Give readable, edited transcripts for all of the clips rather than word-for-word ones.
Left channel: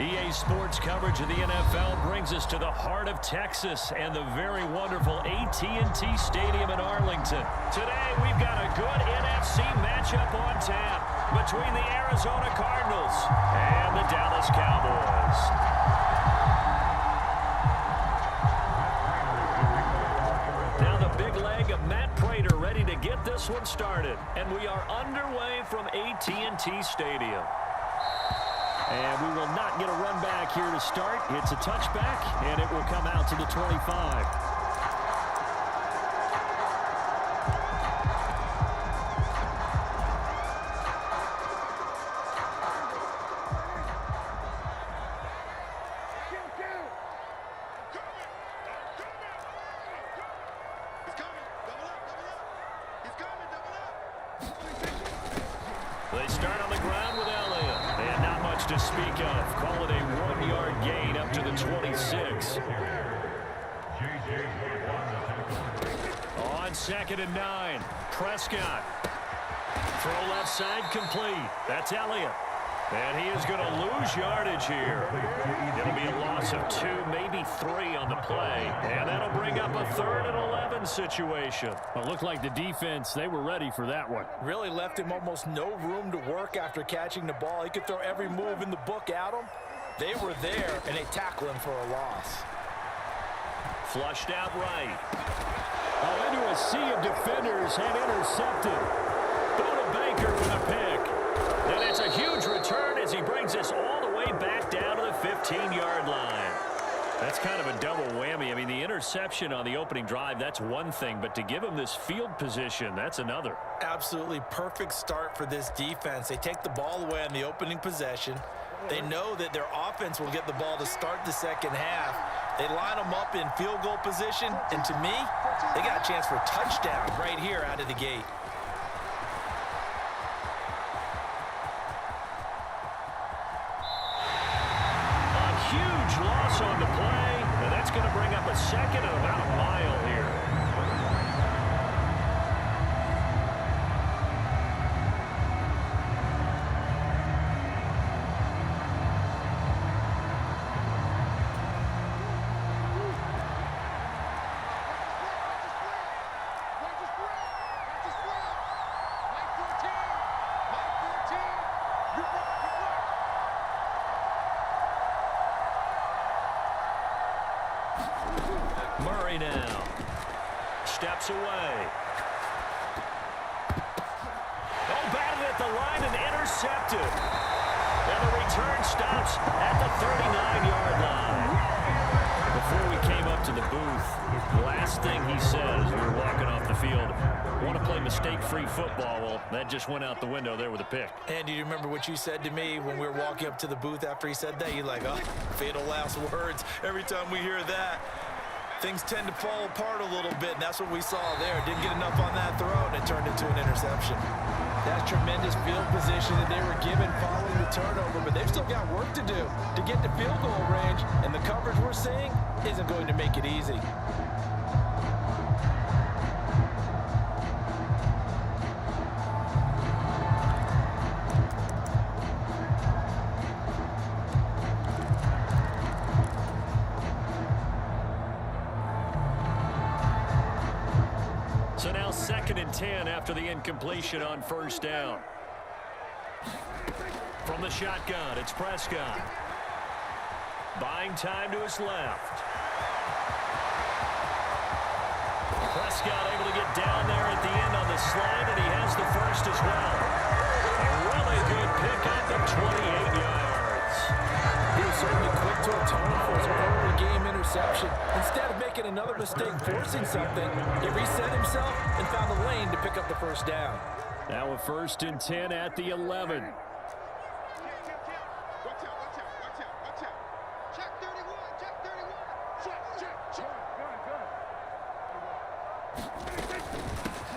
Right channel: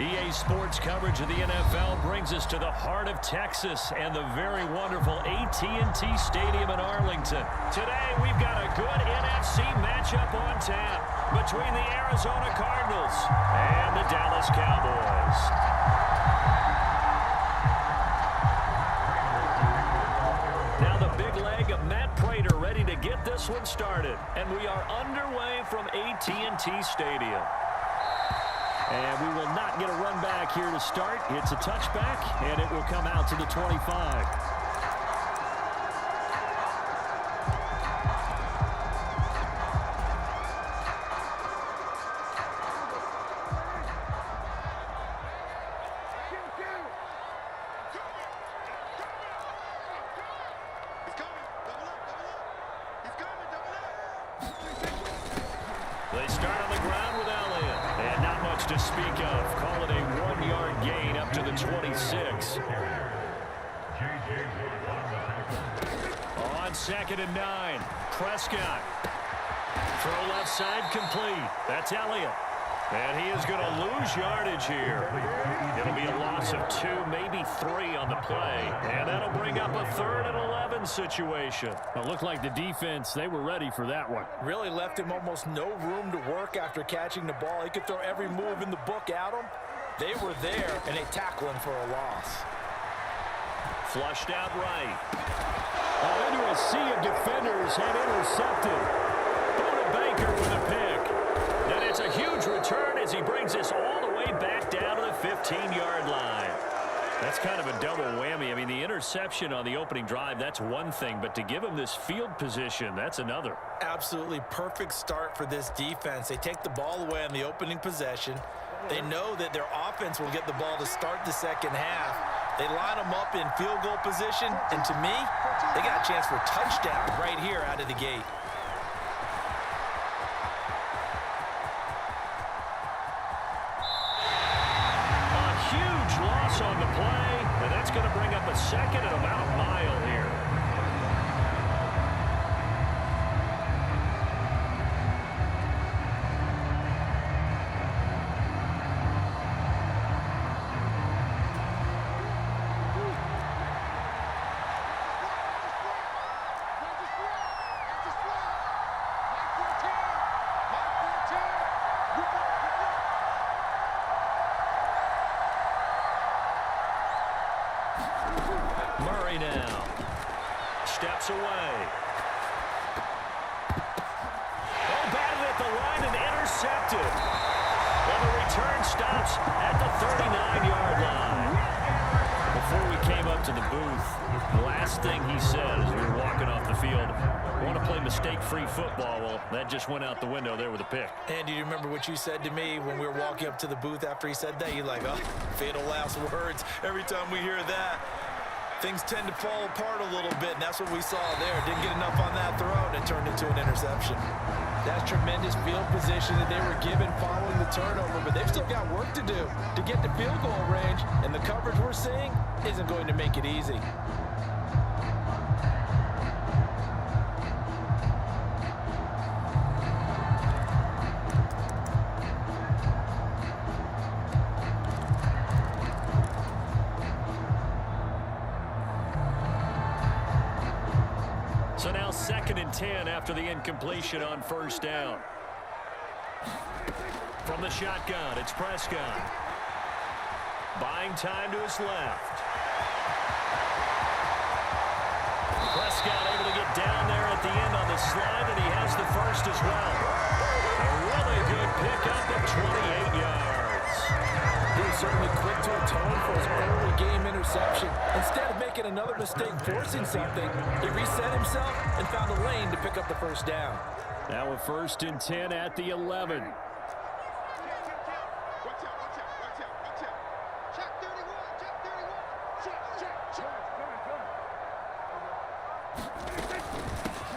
EA Sports coverage of the NFL brings us to the heart of Texas and the very wonderful AT&T Stadium in Arlington. Today, we've got a good NFC matchup on tap between the Arizona Cardinals and the Dallas Cowboys. Now the big leg of Matt Prater ready to get this one started. And we are underway from AT&T Stadium. And we will not get a run back here to start. It's a touchback, and it will come out to the 25. They start on the ground with Elliott. And not much to speak of. Call it a 1-yard gain up to the 26. On 2nd and 9. Prescott. Throw left side complete. That's Elliott. And he is going to lose yardage here. It'll be a loss of 2, maybe 3 on the play. And that'll bring up a 3rd and 11 situation. Well, it looked like the defense, they were ready for that one. Really left him almost no room to work after catching the ball. He could throw every move in the book at him. They were there, and they tackle him for a loss. Flushed out right. Oh, into a sea of defenders and intercepted. Buda Baker with a pick. And it's a huge return as he brings us all the way back down to the 15-yard line. That's kind of a double whammy. I mean, the interception on the opening drive, that's one thing. But to give him this field position, that's another. Absolutely perfect start for this defense. They take the ball away on the opening possession. They know that their offense will get the ball to start the second half. They line them up in field goal position. And to me, they got a chance for a touchdown right here out of the gate. Huge loss on the play, and that's going to bring up a 2nd and about a mile here. Murray now steps away. Oh, batted at the line and intercepted. And the return stops at the 39-yard line. Before we came up to the booth, the last thing he said as we were walking off the field, want to play mistake-free football. Well, that just went out the window there with a pick. And do you remember what you said to me when we were walking up to the booth after he said that? You're like, oh, fatal last words. Every time we hear that, things tend to fall apart a little bit, and that's what we saw there. Didn't get enough on that throw, and it turned into an interception. That's tremendous field position that they were given following the turnover, but they've still got work to do to get to field goal range, and the coverage we're seeing isn't going to make it easy. So now 2nd and 10 after the incompletion on 1st down. From the shotgun, it's Prescott. Buying time to his left. Prescott able to get down there at the end on the slide, and he has the first as well. A really good pickup of 28 yards. He was certainly quick to atone for his early game interception. Instead of making another mistake forcing something, he reset himself and found a lane to pick up the first down. Now a 1st and 10 at the 11.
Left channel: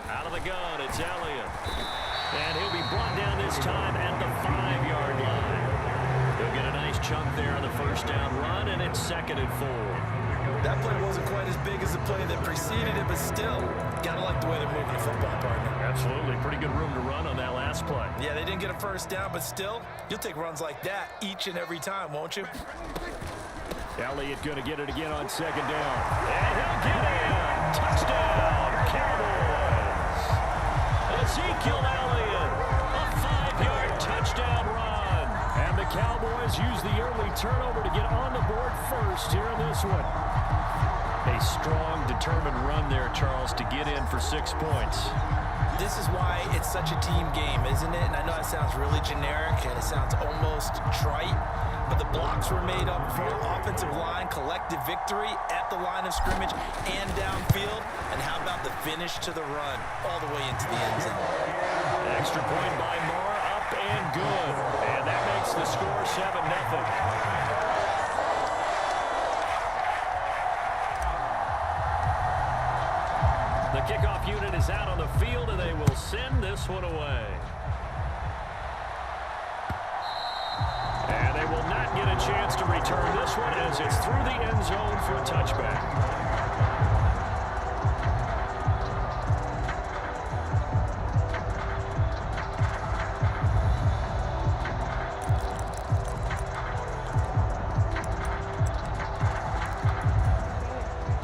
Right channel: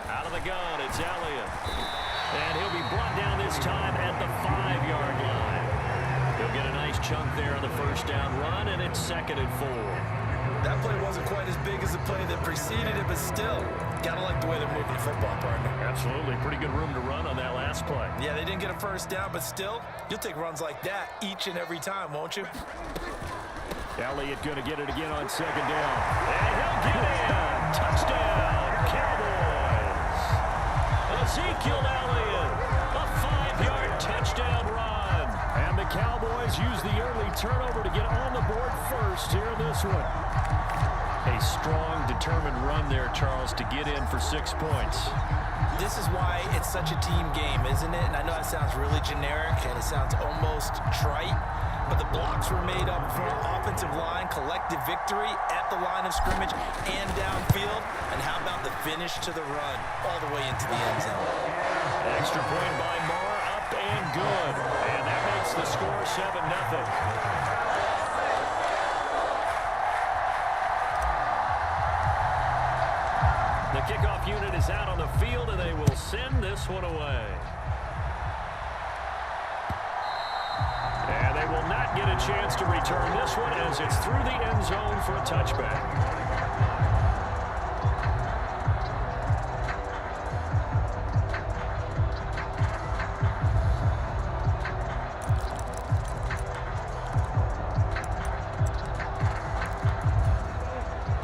Out of the gun, it's Elliott. And he'll be brought down this time at the 5-yard line. He'll get a nice chunk there on the 1st down run, and it's 2nd and 4. That play wasn't quite as big as the play that preceded it, but still, got to like the way they're moving the football, partner. Absolutely. Pretty good room to run on that last play. Yeah, they didn't get a first down, but still, you'll take runs like that each and every time, won't you? Elliott going to get it again on second down. And he'll get in. Touchdown, Cowboys. Ezekiel Elliott, a 5-yard touchdown run. And the Cowboys use the early turnover to get on the board first here in this one. A strong, determined run there, Charles, to get in for 6 points. This is why it's such a team game, isn't it? And I know it sounds really generic and it sounds almost trite, but the blocks were made up front, offensive line, collective victory at the line of scrimmage and downfield. And how about the finish to the run all the way into the end zone? Extra point by Marr, up and good. And that makes the score 7-0. The kickoff unit is out on the field, and they will send this one away. And they will not get a chance to return this one as it's through the end zone for a touchback.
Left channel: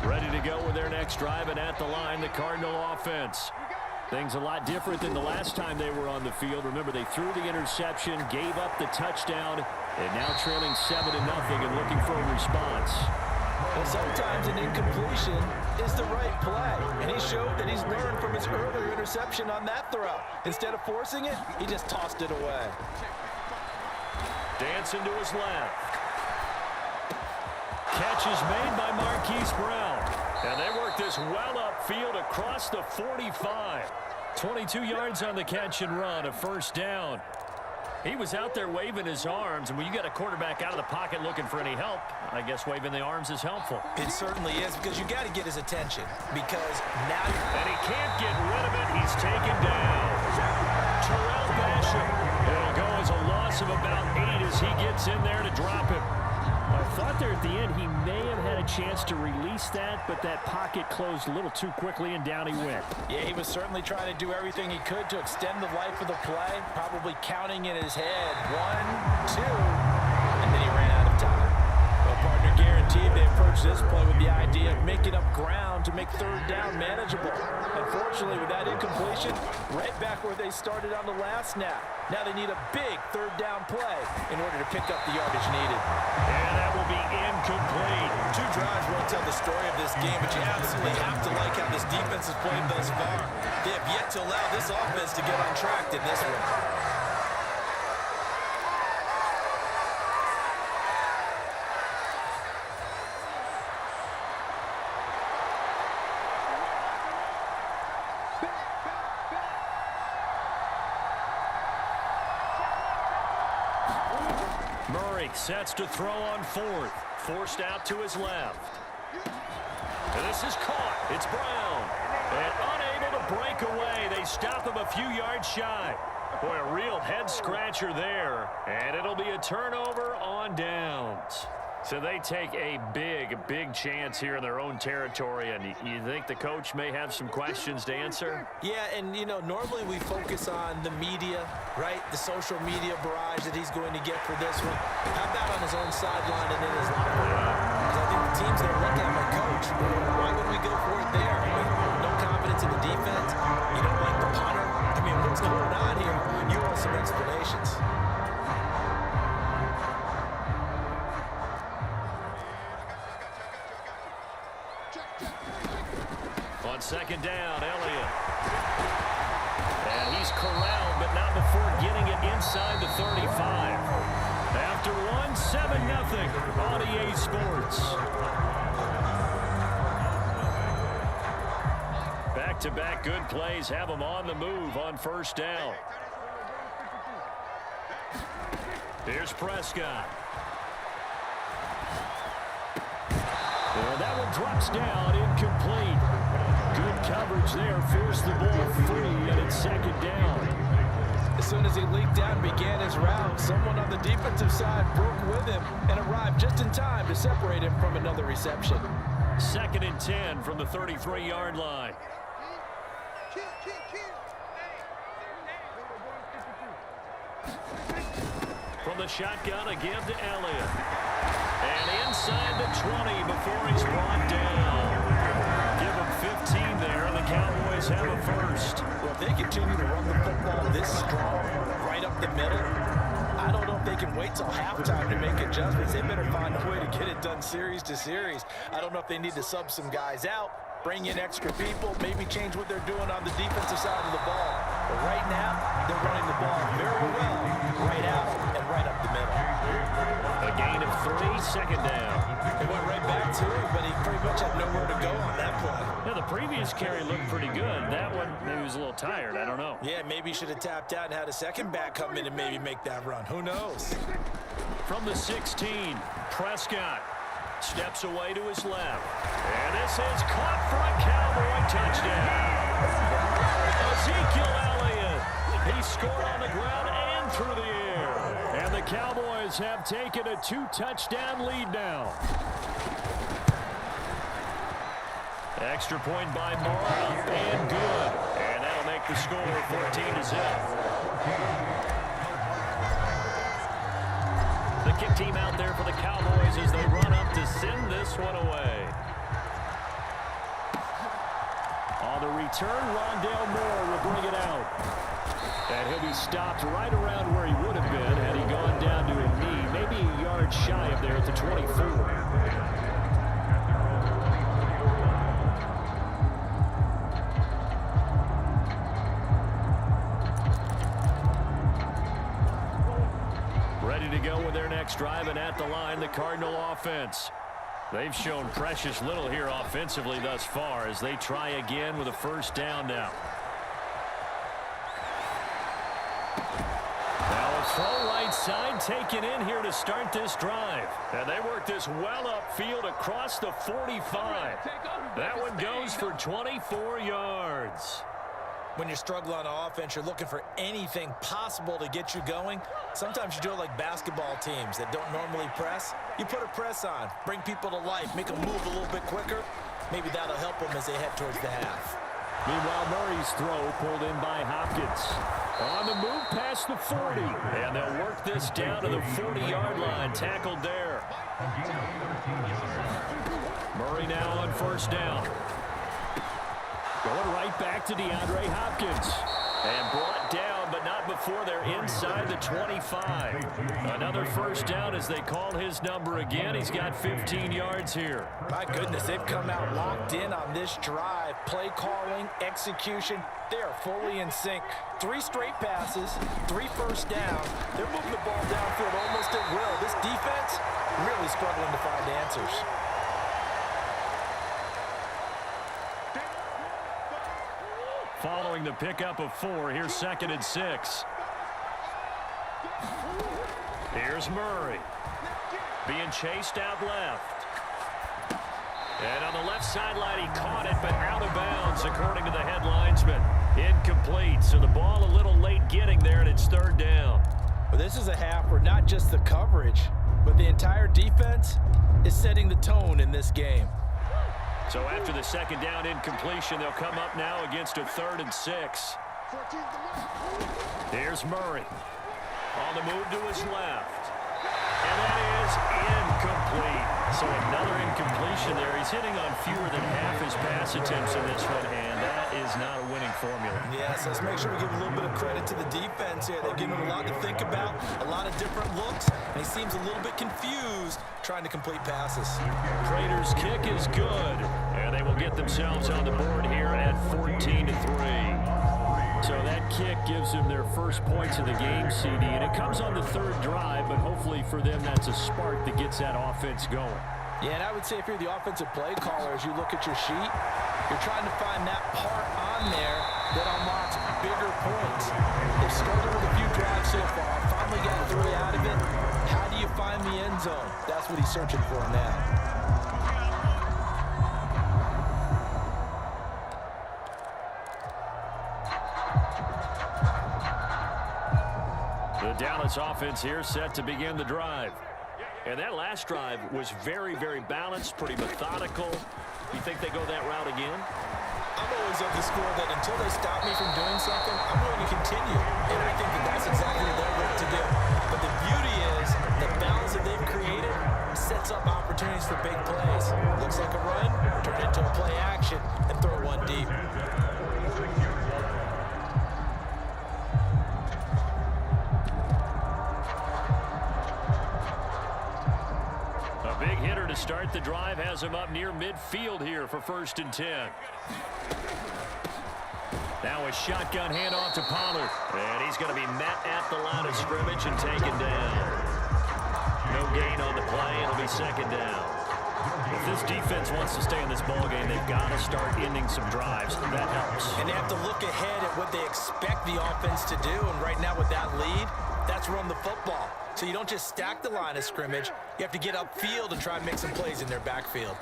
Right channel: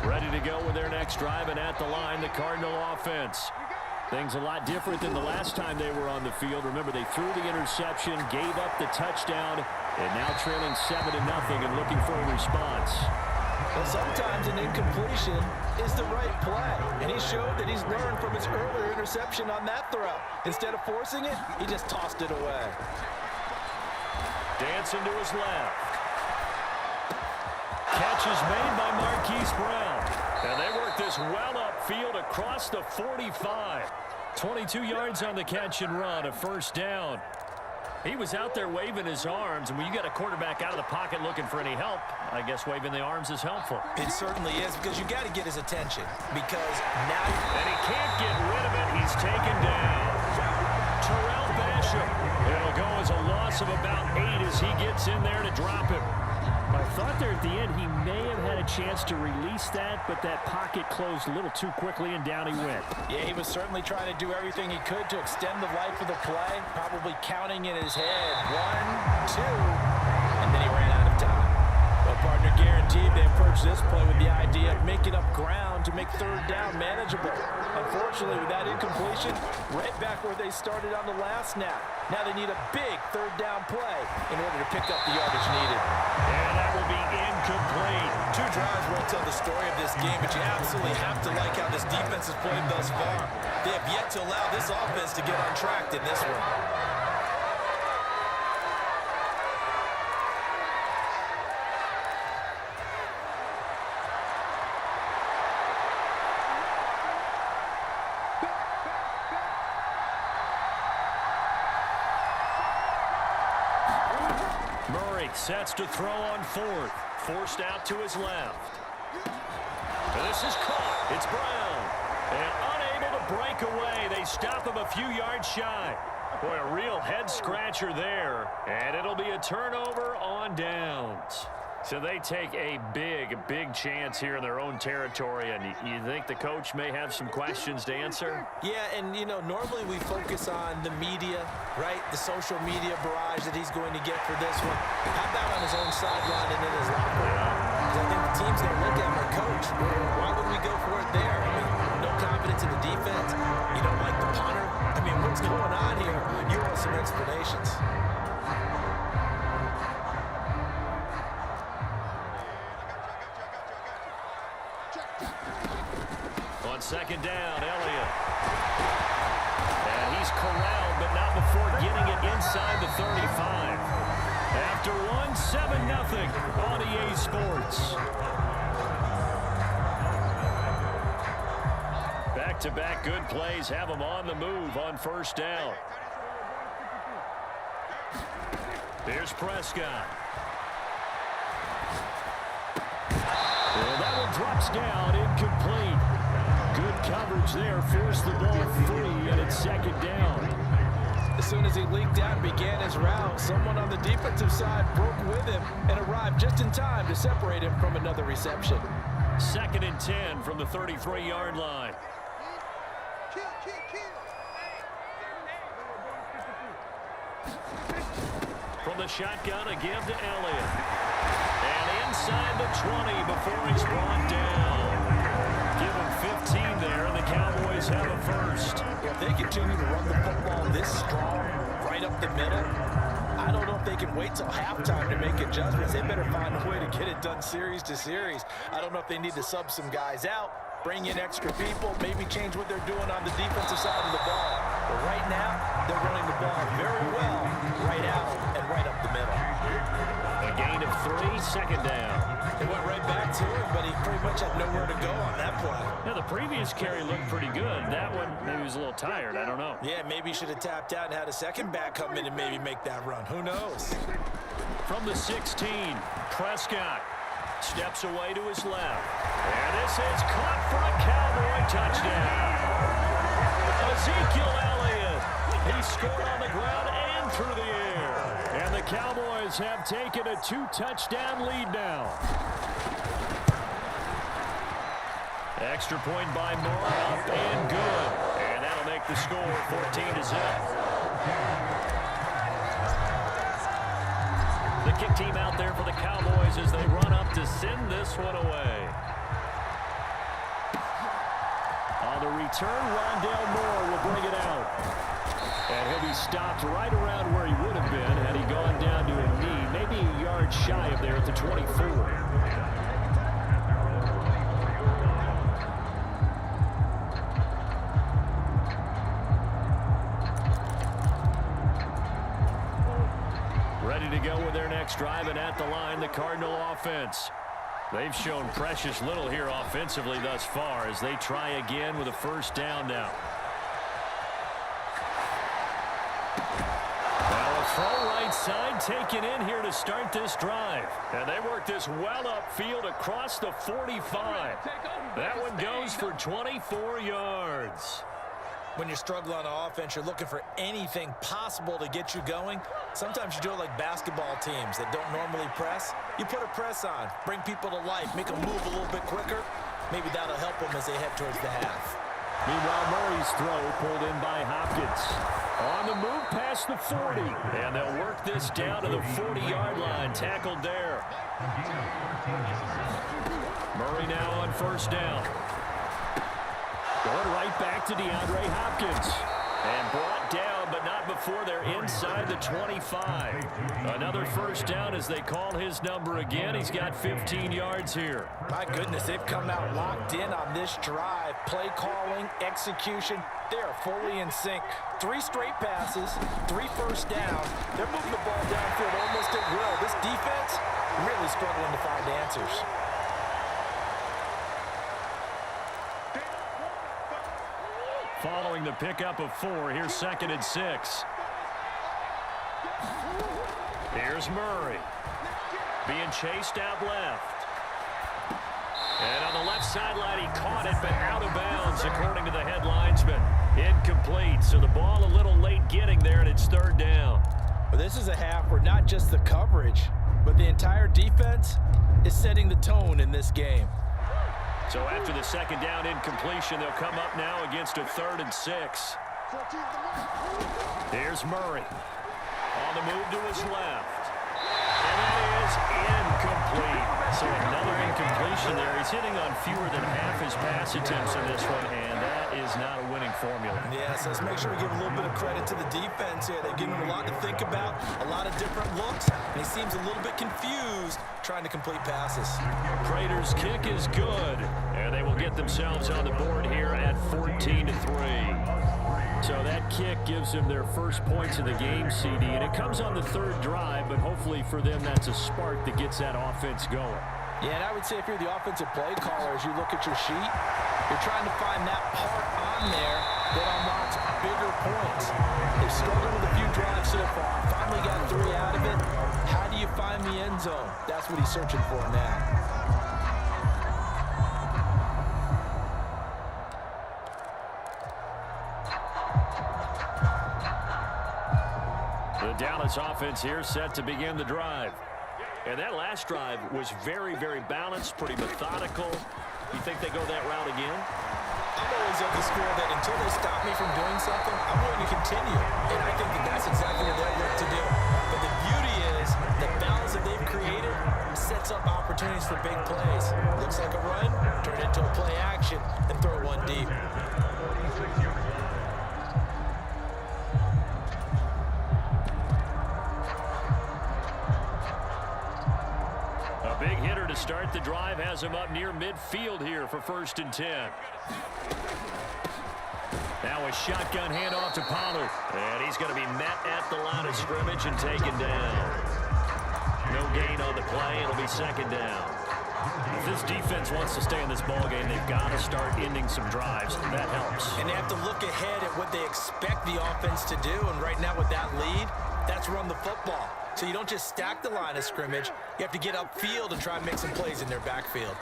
Ready to go with their next drive, and at the line, the Cardinal offense. Things a lot different than the last time they were on the field. Remember, they threw the interception, gave up the touchdown, and now trailing 7-0 and looking for a response. Well, sometimes an incompletion is the right play, and he showed that he's learned from his earlier interception on that throw. Instead of forcing it, he just tossed it away. Dancing to his left. Catch is made by Marquise Brown. And they work this well upfield across the 45. 22 yards on the catch and run, a first down. He was out there waving his arms, and when you got a quarterback out of the pocket looking for any help, I guess waving the arms is helpful. It certainly is, because you got to get his attention, because now... And he can't get rid of it. He's taken down. Terrell Basham. It'll go as a loss of about 8 as he gets in there to drop him. I thought there at the end he may have had a chance to release that, but that pocket closed a little too quickly, and down he went. Yeah, he was certainly trying to do everything he could to extend the life of the play, probably counting in his head 1, 2, and then he ran out of time. Well, partner, guaranteed they approached this play with the idea of making up ground to make third down manageable. Unfortunately, with that incompletion, right back where they started on the last snap. Now they need a big third down play in order to pick up the yardage needed. And that will be incomplete. 2 drives won't tell the story of this game, but you absolutely have to like how this defense has played thus far. They have yet to allow this offense to get untracked in this one. Murray sets to throw on fourth. Forced out to his left. And this is caught. It's Brown. And unable to break away. They stop him a few yards shy. Boy, a real head-scratcher there. And it'll be a turnover on downs. So they take a big chance here in their own territory, and you think the coach may have some questions to answer? Yeah, and, you know, normally we focus on the media, right? The social media barrage that he's going to get for this one. How about on his own sideline and in his locker room? Because I think the team's going to look at him like, Coach, why would we go for it there? I mean, no confidence in the defense. You don't like the punter. I mean, what's going on here? You want some explanations. On second down, Elliott. And he's corralled, but not before getting it inside the 35. After one, 7-0 on EA Sports. Back-to-back good plays have them on the move on first down. Here's Prescott. And that one drops down, incomplete. Good coverage there, forced the ball free, and it's second down. As soon as he leaked out and began his route, someone on the defensive side broke with him and arrived just in time to separate him from another reception. 2nd and 10 from the 33-yard line. From the shotgun, a give to Elliott. And inside the 20 before he's brought down. Give him 15 there, and the Cowboys have a first. Well, if they continue to run the football this strong, right up the middle, I don't know if they can wait till halftime to make adjustments. They better find a way to get it done series to series. I don't know if they need to sub some guys out, bring in extra people, maybe change what they're doing on the defensive side of the ball. But right now, they're running the ball very well, right out and right up the middle. A gain of 3, 2nd down. They went right back to it, but he pretty much had nowhere to go on that play. Yeah, the previous carry looked pretty good. That one, maybe he was a little tired. I don't know. Yeah, maybe he should have tapped out and had a second back come in and maybe make that run. Who knows? From the 16, Prescott steps away to his left. And this is caught for a Cowboy touchdown. Ezekiel Elliott. He scored on the ground and through the air. And the Cowboys have taken a 2-touchdown lead now. Extra point by Moore, up and good. And that'll make the score 14-0. The kick team out there for the Cowboys as they run up to send this one away. On the return, Rondale Moore will bring it out. And he'll be stopped right around where he would have been had he gone down to a knee, maybe a yard shy of there at the 24. Ready to go with their next drive, and at the line, the Cardinal offense. They've shown precious little here offensively thus far as they try again with a first down now. Now a throw right side taken in here to start this drive. And they work this well upfield across the 45. That one goes for 24 yards. When you struggle on offense, you're looking for anything possible to get you going. Sometimes you do it like basketball teams that don't normally press. You put a press on, bring people to life, make them move a little bit quicker. Maybe that'll help them as they head towards the half. Meanwhile, Murray's throw pulled in by Hopkins. On the move past the 40. And they'll work this down to the 40-yard line. Tackled there. Murray now on first down. Going right back to DeAndre Hopkins. And brought down, but not before they're inside the 25. Another first down as they call his number again. He's got 15 yards here. My goodness, they've come out locked in on this drive. Play calling, execution, they are fully in sync. 3 straight passes, 3 first downs. They're moving the ball downfield almost at will. This defense really struggling to find answers. Following the pickup of 4, here's 2nd and 6. Here's Murray. Being chased out left. And on the left sideline, he caught it, but out of bounds, according to the head linesman. Incomplete, so the ball a little late getting there, and it's 3rd down. Well, this is a half where not just the coverage, but the entire defense is setting the tone in this game. So after the 2nd down incompletion, they'll come up now against a 3rd and 6. Here's Murray. On the move to his left. And that is incomplete. So another incompletion there. He's hitting on fewer than half his pass attempts in this one, and that is not a winning formula. Yes, let's make sure we give a little bit of credit to the defense here. They've given him a lot to think about, a lot of different looks, and he seems a little bit confused trying to complete passes. Prater's kick is good, and they will get themselves on the board here at 14-3. So that kick gives them their first points of the game, CD, and it comes on the 3rd drive, but hopefully for them that's a spark that gets that offense going. Yeah, and I would say if you're the offensive play caller, as you look at your sheet, you're trying to find that part on there that unlocks bigger points. They've struggled with a few drives so far, finally got 3 out of it. How do you find the end zone? That's what he's searching for now. The Dallas offense here set to begin the drive. And that last drive was very, very balanced, pretty methodical. You think they go that route again? I'm always of the school that until they stop me from doing something, I'm willing to continue. And I think that that's exactly what they'll look to do. But the beauty is the balance that they've created sets up opportunities for big plays. Looks like a run, turn it into a play action, and throw one deep. A big hitter to start the drive has him up near midfield here for 1st and 10. Now a shotgun handoff to Pollard. And he's going to be met at the line of scrimmage and taken down. No gain on the play. It'll be 2nd down. If this defense wants to stay in this ballgame, they've got to start ending some drives. That helps. And they have to look ahead at what they expect the offense to do. And right now with that lead, that's run the football. So you don't just stack the line of scrimmage. You have to get upfield and try and make some plays in their backfield.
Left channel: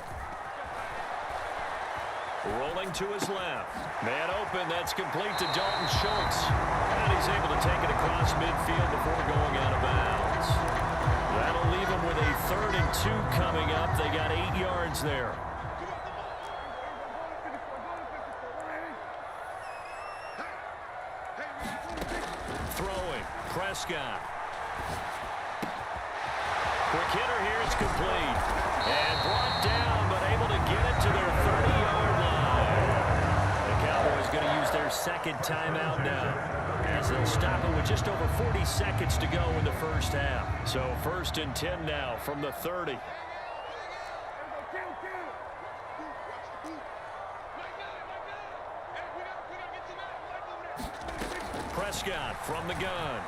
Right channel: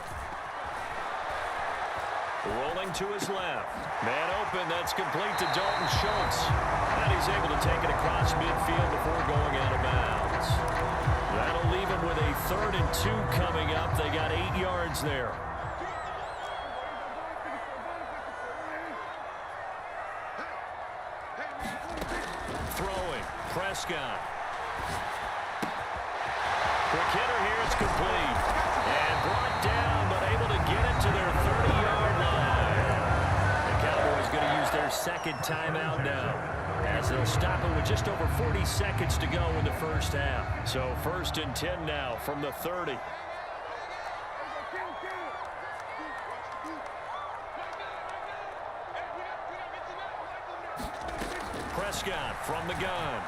Rolling to his left. Man open. That's complete to Dalton Schultz. And he's able to take it across midfield before going out of bounds. That'll leave him with a 3rd and 2 coming up. They got 8 yards there. Throwing. Prescott. Quick hitter here. It's complete. And brought down, but able to get it to their 30-yard line. The Cowboys going to use their 2nd timeout now, as they'll stop it with just over 40 seconds to go in the 1st half. So 1st and 10 now from the 30. Prescott from the gun.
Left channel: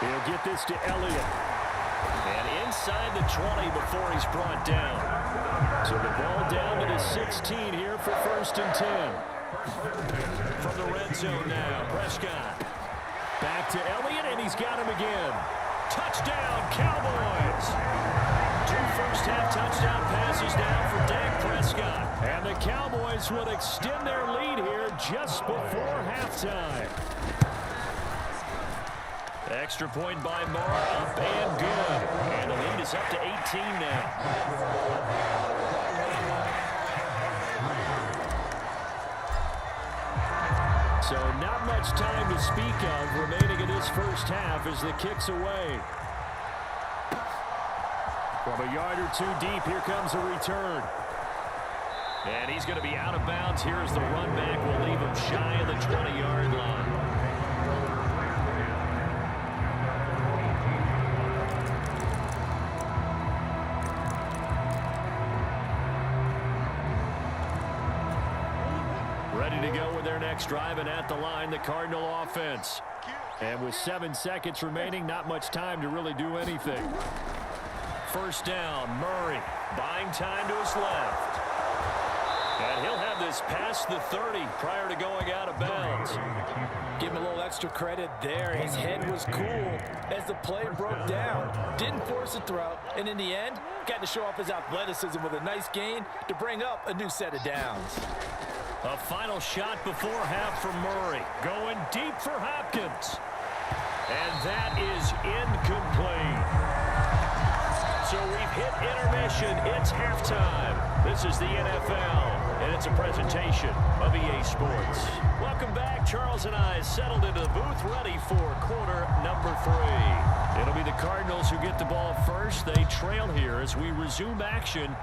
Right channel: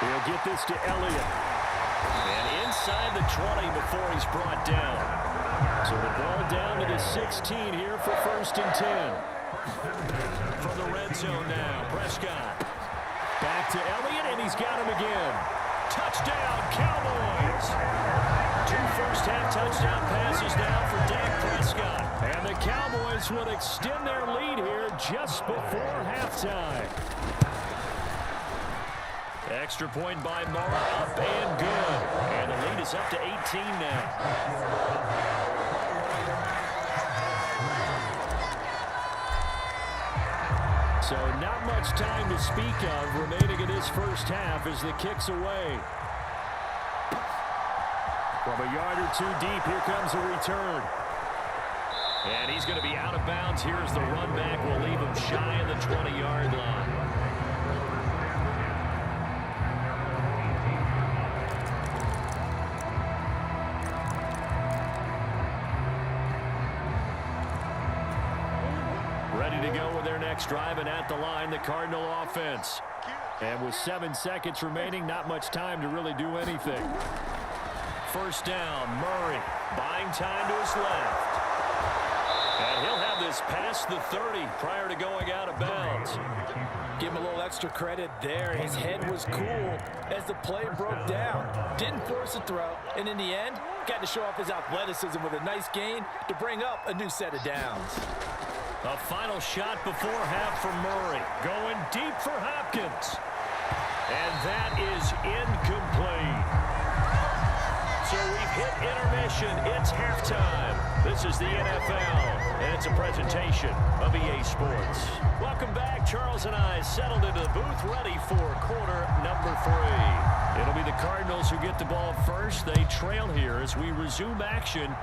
He'll get this to Elliott. And inside the 20 before he's brought down. So the ball down to the 16 here for 1st and 10. From the red zone now, Prescott. Back to Elliott, and he's got him again. Touchdown, Cowboys. 2 first-half touchdown passes now for Dak Prescott. And the Cowboys will extend their lead here just before halftime. Extra point by Mara, up and good. And the lead is up to 18 now. So not much time to speak of remaining in this 1st half as the kick's away. From a yard or 2 deep, here comes a return. And he's going to be out of bounds here as the run back will leave him shy of the 20-yard line. Ready to go with their next drive, and at the line, the Cardinal offense. And with 7 seconds remaining, not much time to really do anything. 1st down, Murray buying time to his left. And he'll have this past the 30 prior to going out of bounds. Give him a little extra credit there. His head was cool as the play broke down. Didn't force a throw, and in the end, got to show off his athleticism with a nice gain to bring up a new set of downs. A final shot before half for Murray. Going deep for Hopkins. And that is incomplete. So we've hit intermission. It's halftime. This is the NFL, and it's a presentation of EA Sports. Welcome back. Charles and I settled into the booth, ready for quarter number 3. It'll be the Cardinals who get the ball first. They trail here as we resume action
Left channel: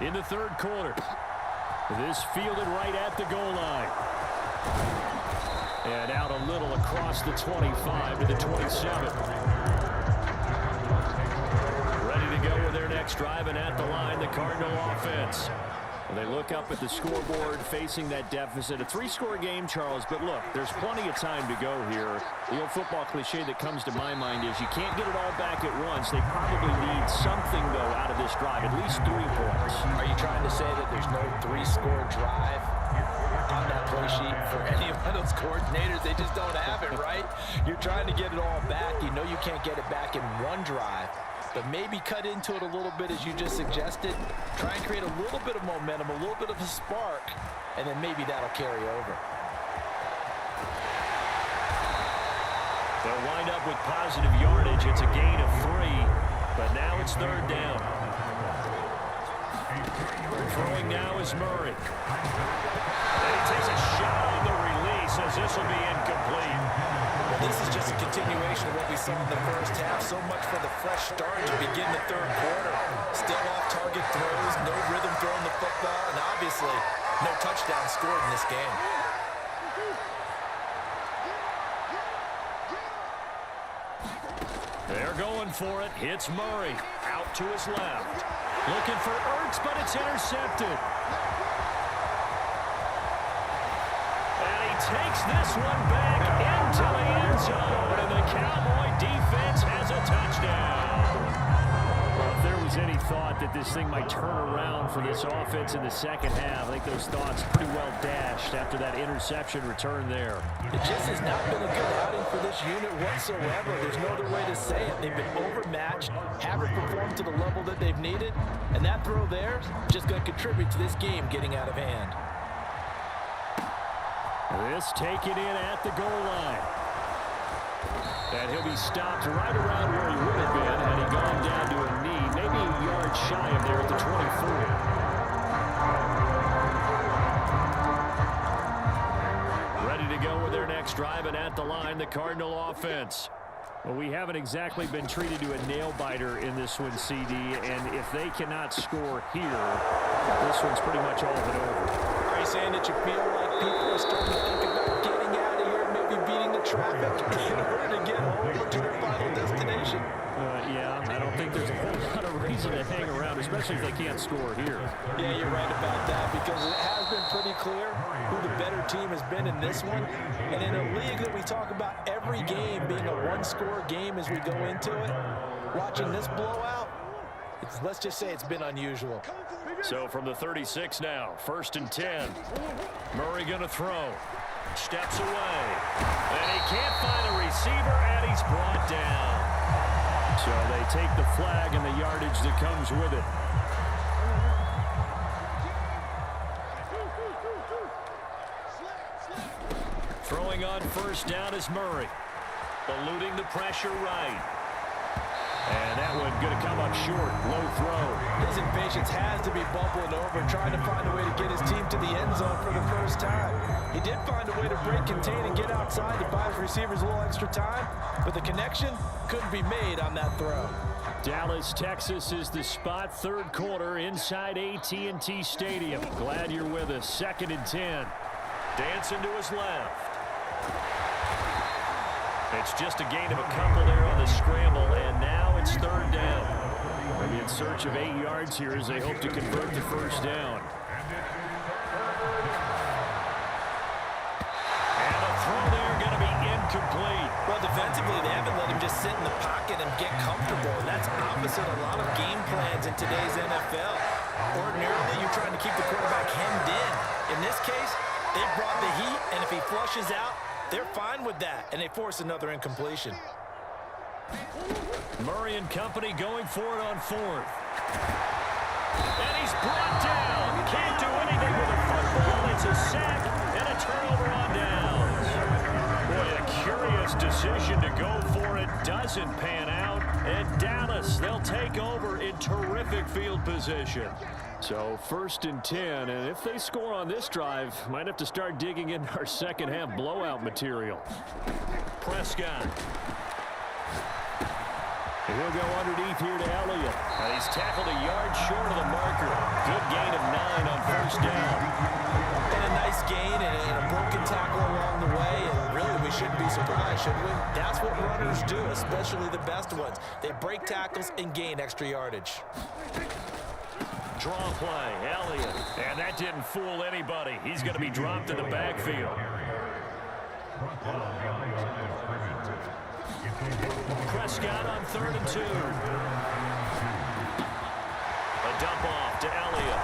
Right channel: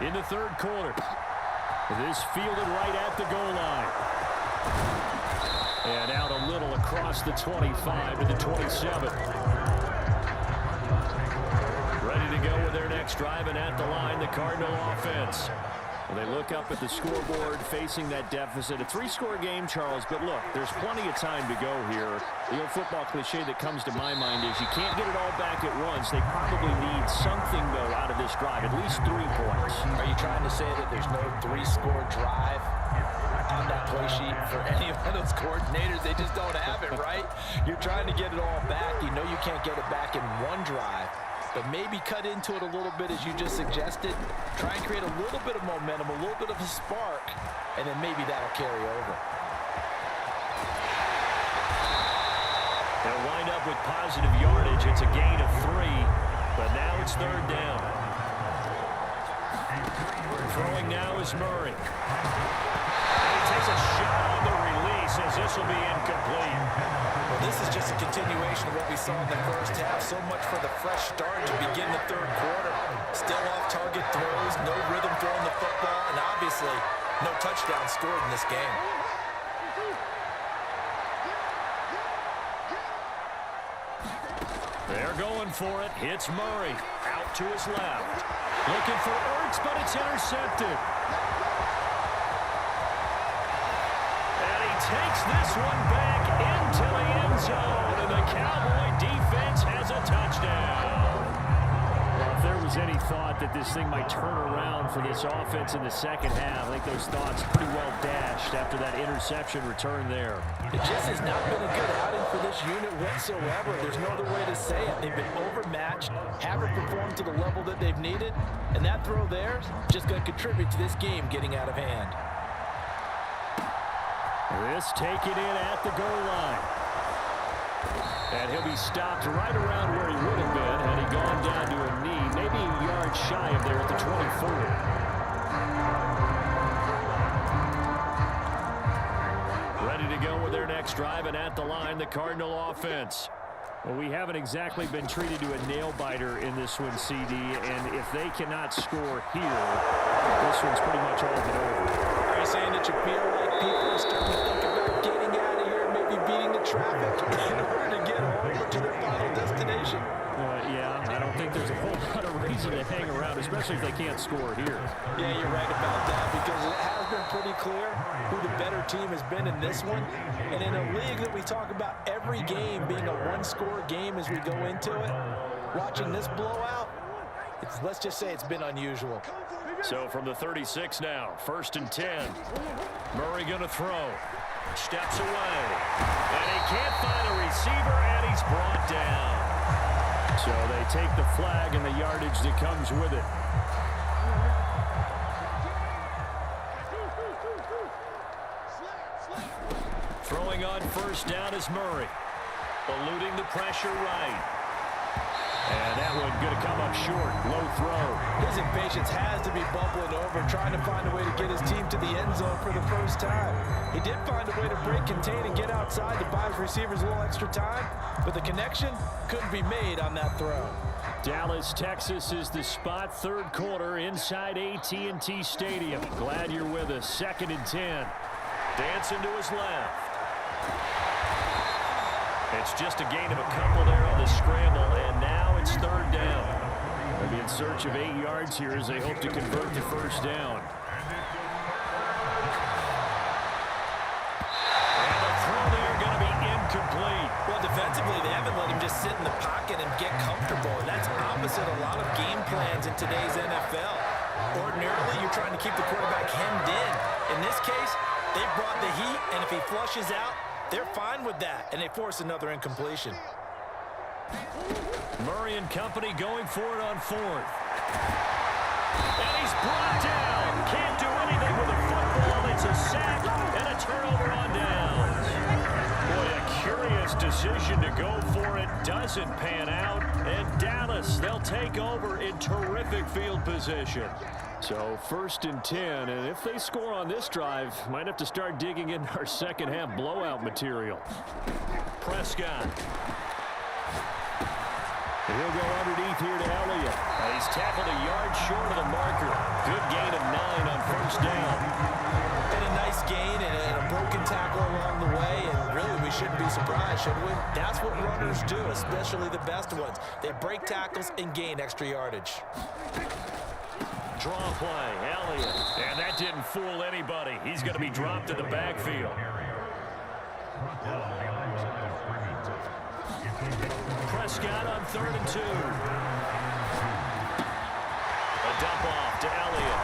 in the 3rd quarter. This fielded right at the goal line. And out a little across the 25 to the 27. Ready to go with their next drive, and at the line, the Cardinal offense. Well, they look up at the scoreboard facing that deficit. A 3-score game, Charles, but look, there's plenty of time to go here. The old football cliche that comes to my mind is you can't get it all back at once. They probably need something, though, out of this drive, at least 3 points. Are you trying to say that there's no 3-score drive on that play sheet for any of those coordinators? They just don't have it, right? You're trying to get it all back. You know you can't get it back in one drive. But maybe cut into it a little bit as you just suggested. Try and create a little bit of momentum, a little bit of a spark, and then maybe that'll carry over. They'll wind up with positive yardage. It's a gain of 3. But now it's third down. Throwing now is Murray. And he takes a shot on the release as this will be incomplete. Well, this is just a continuation of what we saw in the first half. So much for the fresh start to begin the third quarter. Still off-target throws, no rhythm throwing the football, and obviously no touchdown scored in this game. They're going for it. Hits Murray. Out to his left. Looking for Ertz, but it's intercepted. And he takes this one back into the end zone, and the Cowboy defense has a touchdown. Well, if there was any thought that this thing might turn around for this offense in the second half, I think those thoughts pretty well dashed after that interception return there. It just has not been a good outing for this unit whatsoever. There's no other way to say it. They've been overmatched, haven't performed to the level that they've needed, and that throw there is just going to contribute to this game getting out of hand. This taken in at the goal line. And he'll be stopped right around where he would have been had he gone down to a knee, maybe a yard shy of there at the 24. Ready to go with their next drive, and at the line, the Cardinal offense. Well, we haven't exactly been treated to a nail-biter in this one, CD, and if they cannot score here, this one's pretty much all but over. Are you saying that you feel like people are starting to think about getting out of here and maybe beating the traffic in order to get home or to their final destination? Yeah, I don't think there's a whole lot of reason to hang around, especially if they can't score here. Yeah, you're right about that, because it has been pretty clear who the better team has been in this one. And in a league that we talk about every game being a one-score game as we go into it, watching this blowout, let's just say it's been unusual. So from the 36 now, 1st and 10. Murray going to throw. Steps away. And he can't find a receiver, and he's brought down. So they take the flag and the yardage that comes with it. Throwing on 1st down is Murray. Eluding the pressure right. And that one going to come up short. Low throw. His impatience has to be bubbling over, trying to find a way to get his team to the end zone for the first time. He did find a way to break, contain, and get outside to buy his receivers a little extra time, but the connection couldn't be made on that throw. Dallas, Texas is the spot. Third quarter inside AT&T Stadium. Glad you're with us. 2nd and 10. Dancing to his left. It's just a gain of a couple there on the scramble, and now it's 3rd down. They'll be in search of 8 yards here as they hope to convert the 1st down. And the throw there going to be incomplete. Well, defensively, they haven't let him just sit in the pocket and get comfortable, and that's opposite a lot of game plans in today's NFL. Ordinarily, you're trying to keep the quarterback hemmed in. In this case, they brought the heat, and if he flushes out, they're fine with that, and they force another incompletion. Murray and company going for it on 4th. And he's brought down. Can't do anything with a football. It's a sack and a turnover on downs. Boy, a curious decision to go for it. Doesn't pan out. And Dallas, they'll take over in terrific field position. So 1st and 10, and if they score on this drive, might have to start digging in our second half blowout material. Prescott. And he'll go underneath here to Elliott. And he's tackled a yard short of the marker. Good gain of 9 on 1st down. And a nice gain and a broken tackle along the way, and really we shouldn't be surprised, should we? That's what runners do, especially the best ones. They break tackles and gain extra yardage. Draw play, Elliott. And that didn't fool anybody. He's going to be dropped in the backfield. Prescott on 3rd and 2. A dump off to Elliott.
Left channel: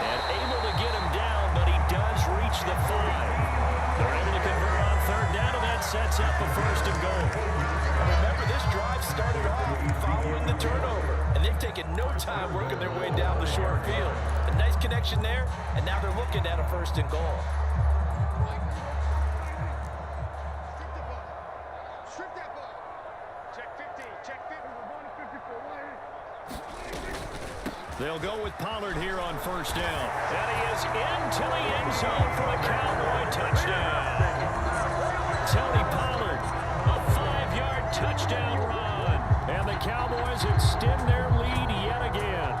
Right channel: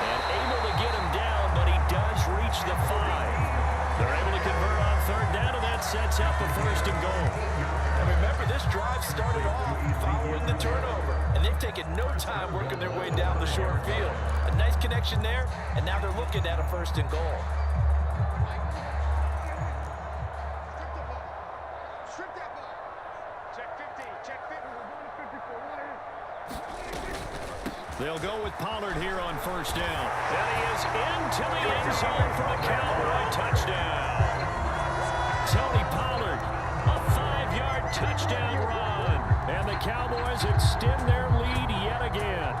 And able to get him down, but he does reach the 5. They're able to convert on 3rd down, and that sets up a 1st and goal. And remember, this drive started off following the turnover, and they've taken no time working their way down the short field. A nice connection there, and now they're looking at a 1st and goal. Strip that ball. Check 15. Check 50. We're going to 54. They'll go with Pollard here on first down. And he is into the end zone for a Cowboy touchdown. Tony Pollard, a 5-yard touchdown run. And the Cowboys extend their lead yet again.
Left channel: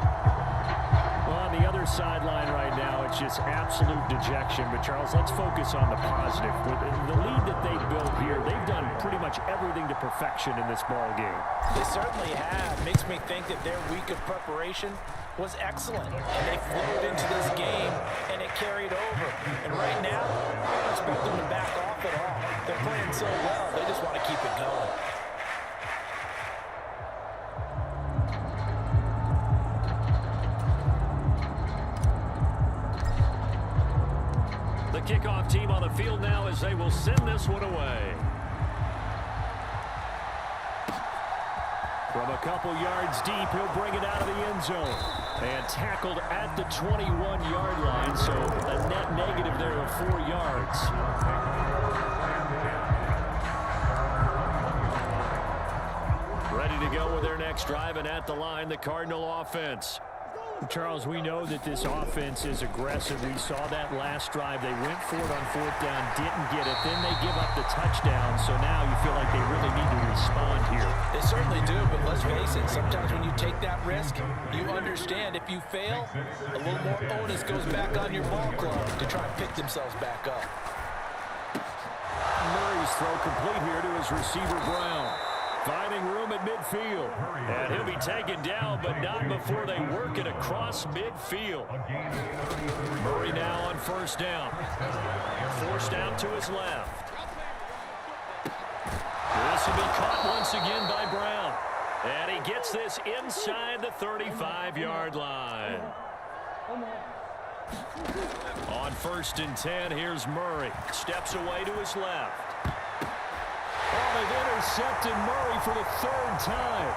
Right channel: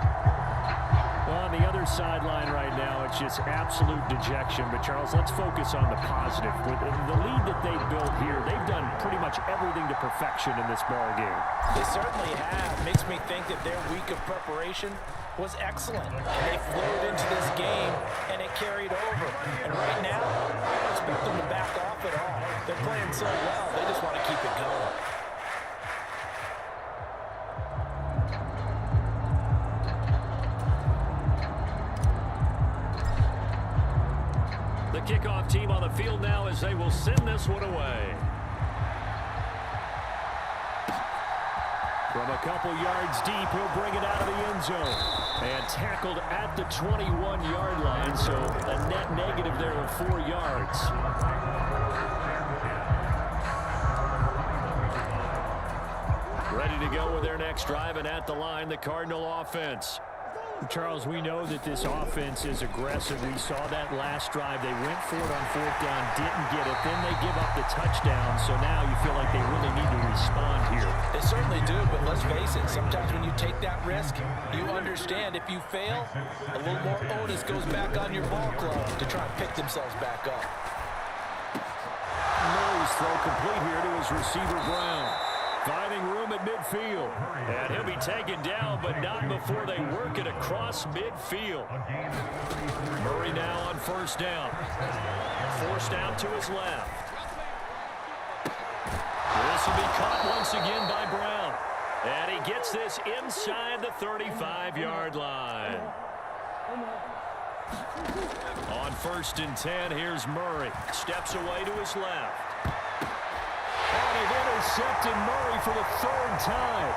Well, on the other sideline right now, it's just absolute dejection. But, Charles, let's focus on the positive. With the lead that they built here, they've done pretty much everything to perfection in this ball game. They certainly have. Makes me think that their week of preparation was excellent. And they flowed into this game, and it carried over. And right now, I don't expect them to back off at all. They're playing so well, they just want to keep it going. The kickoff team on the field now as they will send this one away. From a couple yards deep, he'll bring it out of the end zone. And tackled at the 21-yard line, so a net negative there of 4 yards. Ready to go with their next drive, and at the line, the Cardinal offense. Charles, we know that this offense is aggressive. We saw that last drive. They went for it on 4th down, didn't get it. Then they give up the touchdown, so now you feel like they really need to respond here. They certainly do, but let's face it, sometimes when you take that risk, you understand if you fail, a little more onus goes back on your ball club to try and pick themselves back up. Murray's throw complete here to his receiver, Brown. Finding room at midfield. And he'll be taken down, but not before they work it across midfield. Murray now on first down. Forced out to his left. This will be caught once again by Brown. And he gets this inside the 35-yard line. On 1st and 10, here's Murray. Steps away to his left. Oh, they've intercepted Murray for the 3rd time.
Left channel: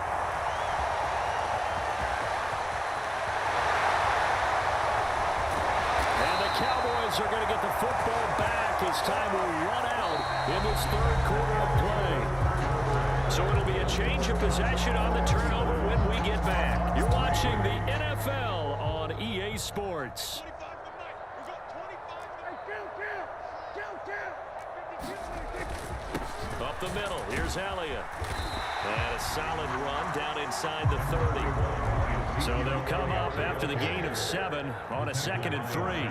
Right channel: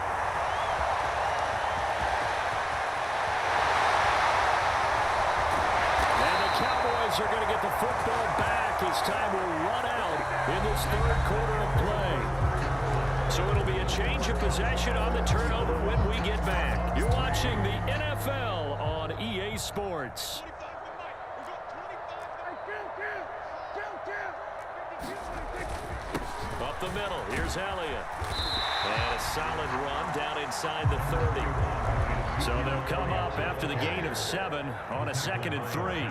And the Cowboys are going to get the football back as time will run out in this 3rd quarter of play. So it'll be a change of possession on the turnover when we get back. You're watching the NFL on EA Sports. Up the middle, here's Elliott. And a solid run down inside the 30. So they'll come up after the gain of 7 on a 2nd and 3.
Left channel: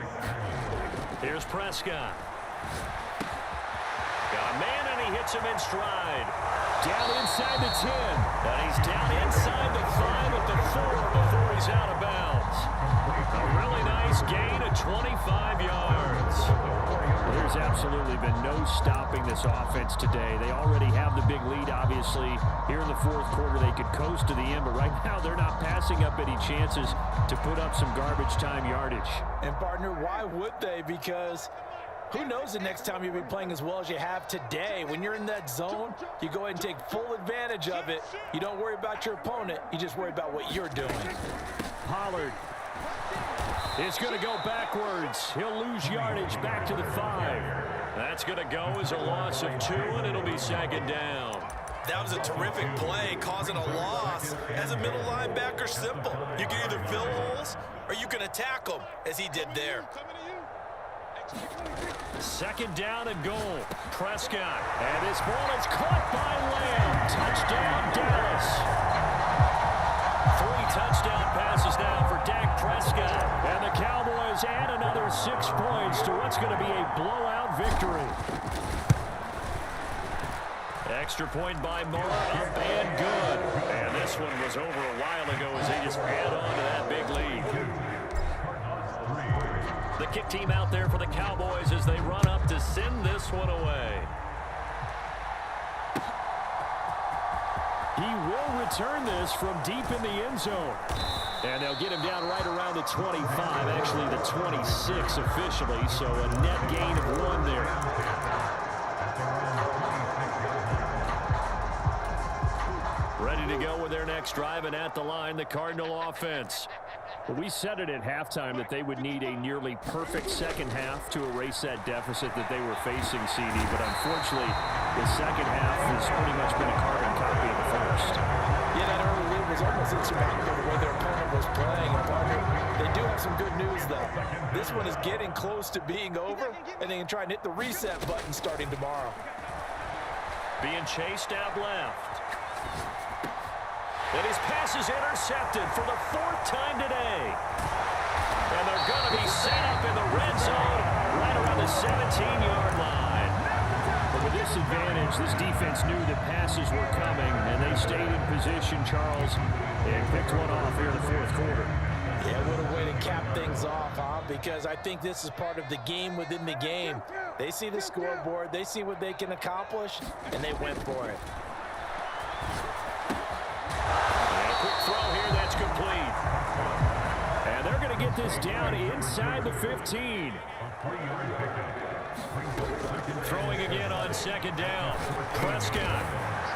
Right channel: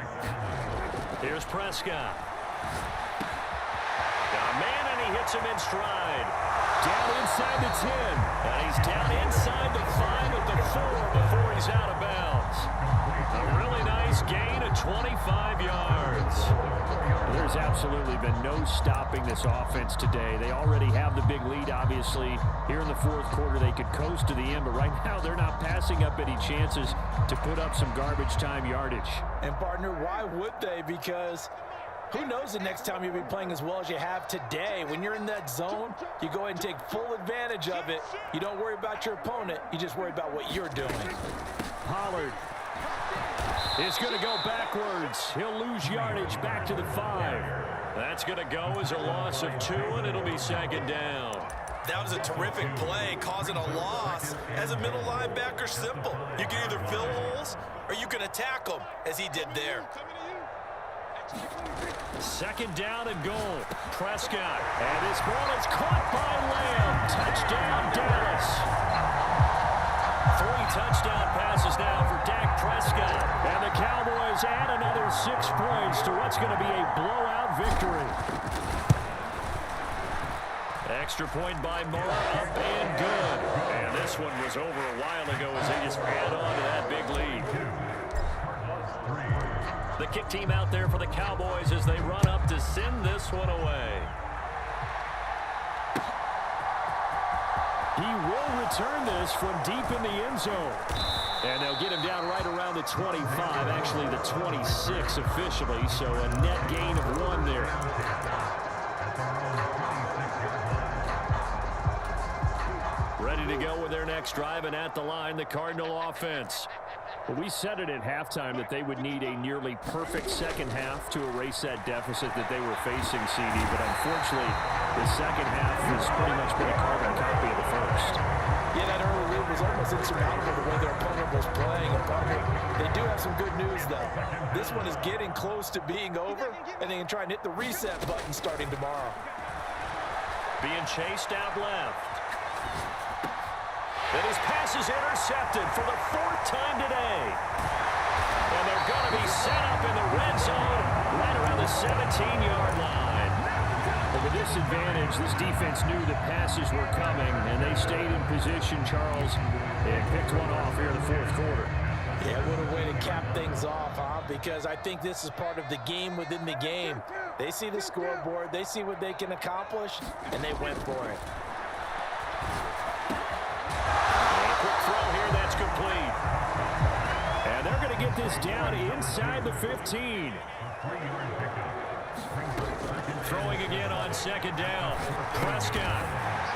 Here's Prescott. Got a man, and he hits him in stride. Down inside the 10. And he's down inside the 5 at the 4 before he's out of bounds. A really nice gain of 25 yards. There's absolutely been no stopping this offense today. They already have the big lead, obviously. Here in the 4th quarter, they could coast to the end, but right now they're not passing up any chances to put up some garbage time yardage. And, partner, why would they? Because who knows the next time you'll be playing as well as you have today. When you're in that zone, you go ahead and take full advantage of it. You don't worry about your opponent. You just worry about what you're doing. Pollard is going to go backwards. He'll lose yardage back to the 5. That's going to go as a loss of 2, and it'll be 2nd down. That was a terrific play, causing a loss. As a middle linebacker, simple. You can either fill holes or you can attack them, as he did there. 2nd down and goal. Prescott. And this ball is caught by Lamb. Touchdown, Dallas. 3 touchdown passes now for Dak Prescott. And the Cowboys add another 6 points to what's going to be a blowout victory. Extra point by Murrah, up and good. And this one was over a while ago as they just add on to that big lead. The kick team out there for the Cowboys as they run up to send this one away. He will return this from deep in the end zone. And they'll get him down right around the 25, actually the 26 officially, so a net gain of 1 there. Ready to go with their next drive, and at the line, the Cardinal offense. Well, we said it at halftime that they would need a nearly perfect second half to erase that deficit that they were facing, CD. But unfortunately, the second half has pretty much been a carbon copy of the first. Yeah, that early lead was almost insurmountable the way their opponent was playing. And partner, they do have some good news, though. This one is getting close to being over, and they can try and hit the reset button starting tomorrow. Being chased out left. And his pass is intercepted for the 4th time today. And they're going to be set up in the red zone right around the 17-yard line. But with this advantage, this defense knew that passes were coming, and they stayed in position, Charles, and picked one off here in the 4th quarter. Yeah, what a way to cap things off, huh? Because I think this is part of the game within the game. They see the scoreboard, they see what they can accomplish, and they went for it. And a quick throw here, that's complete. And they're going to get this down inside the 15. Throwing again on 2nd down. Prescott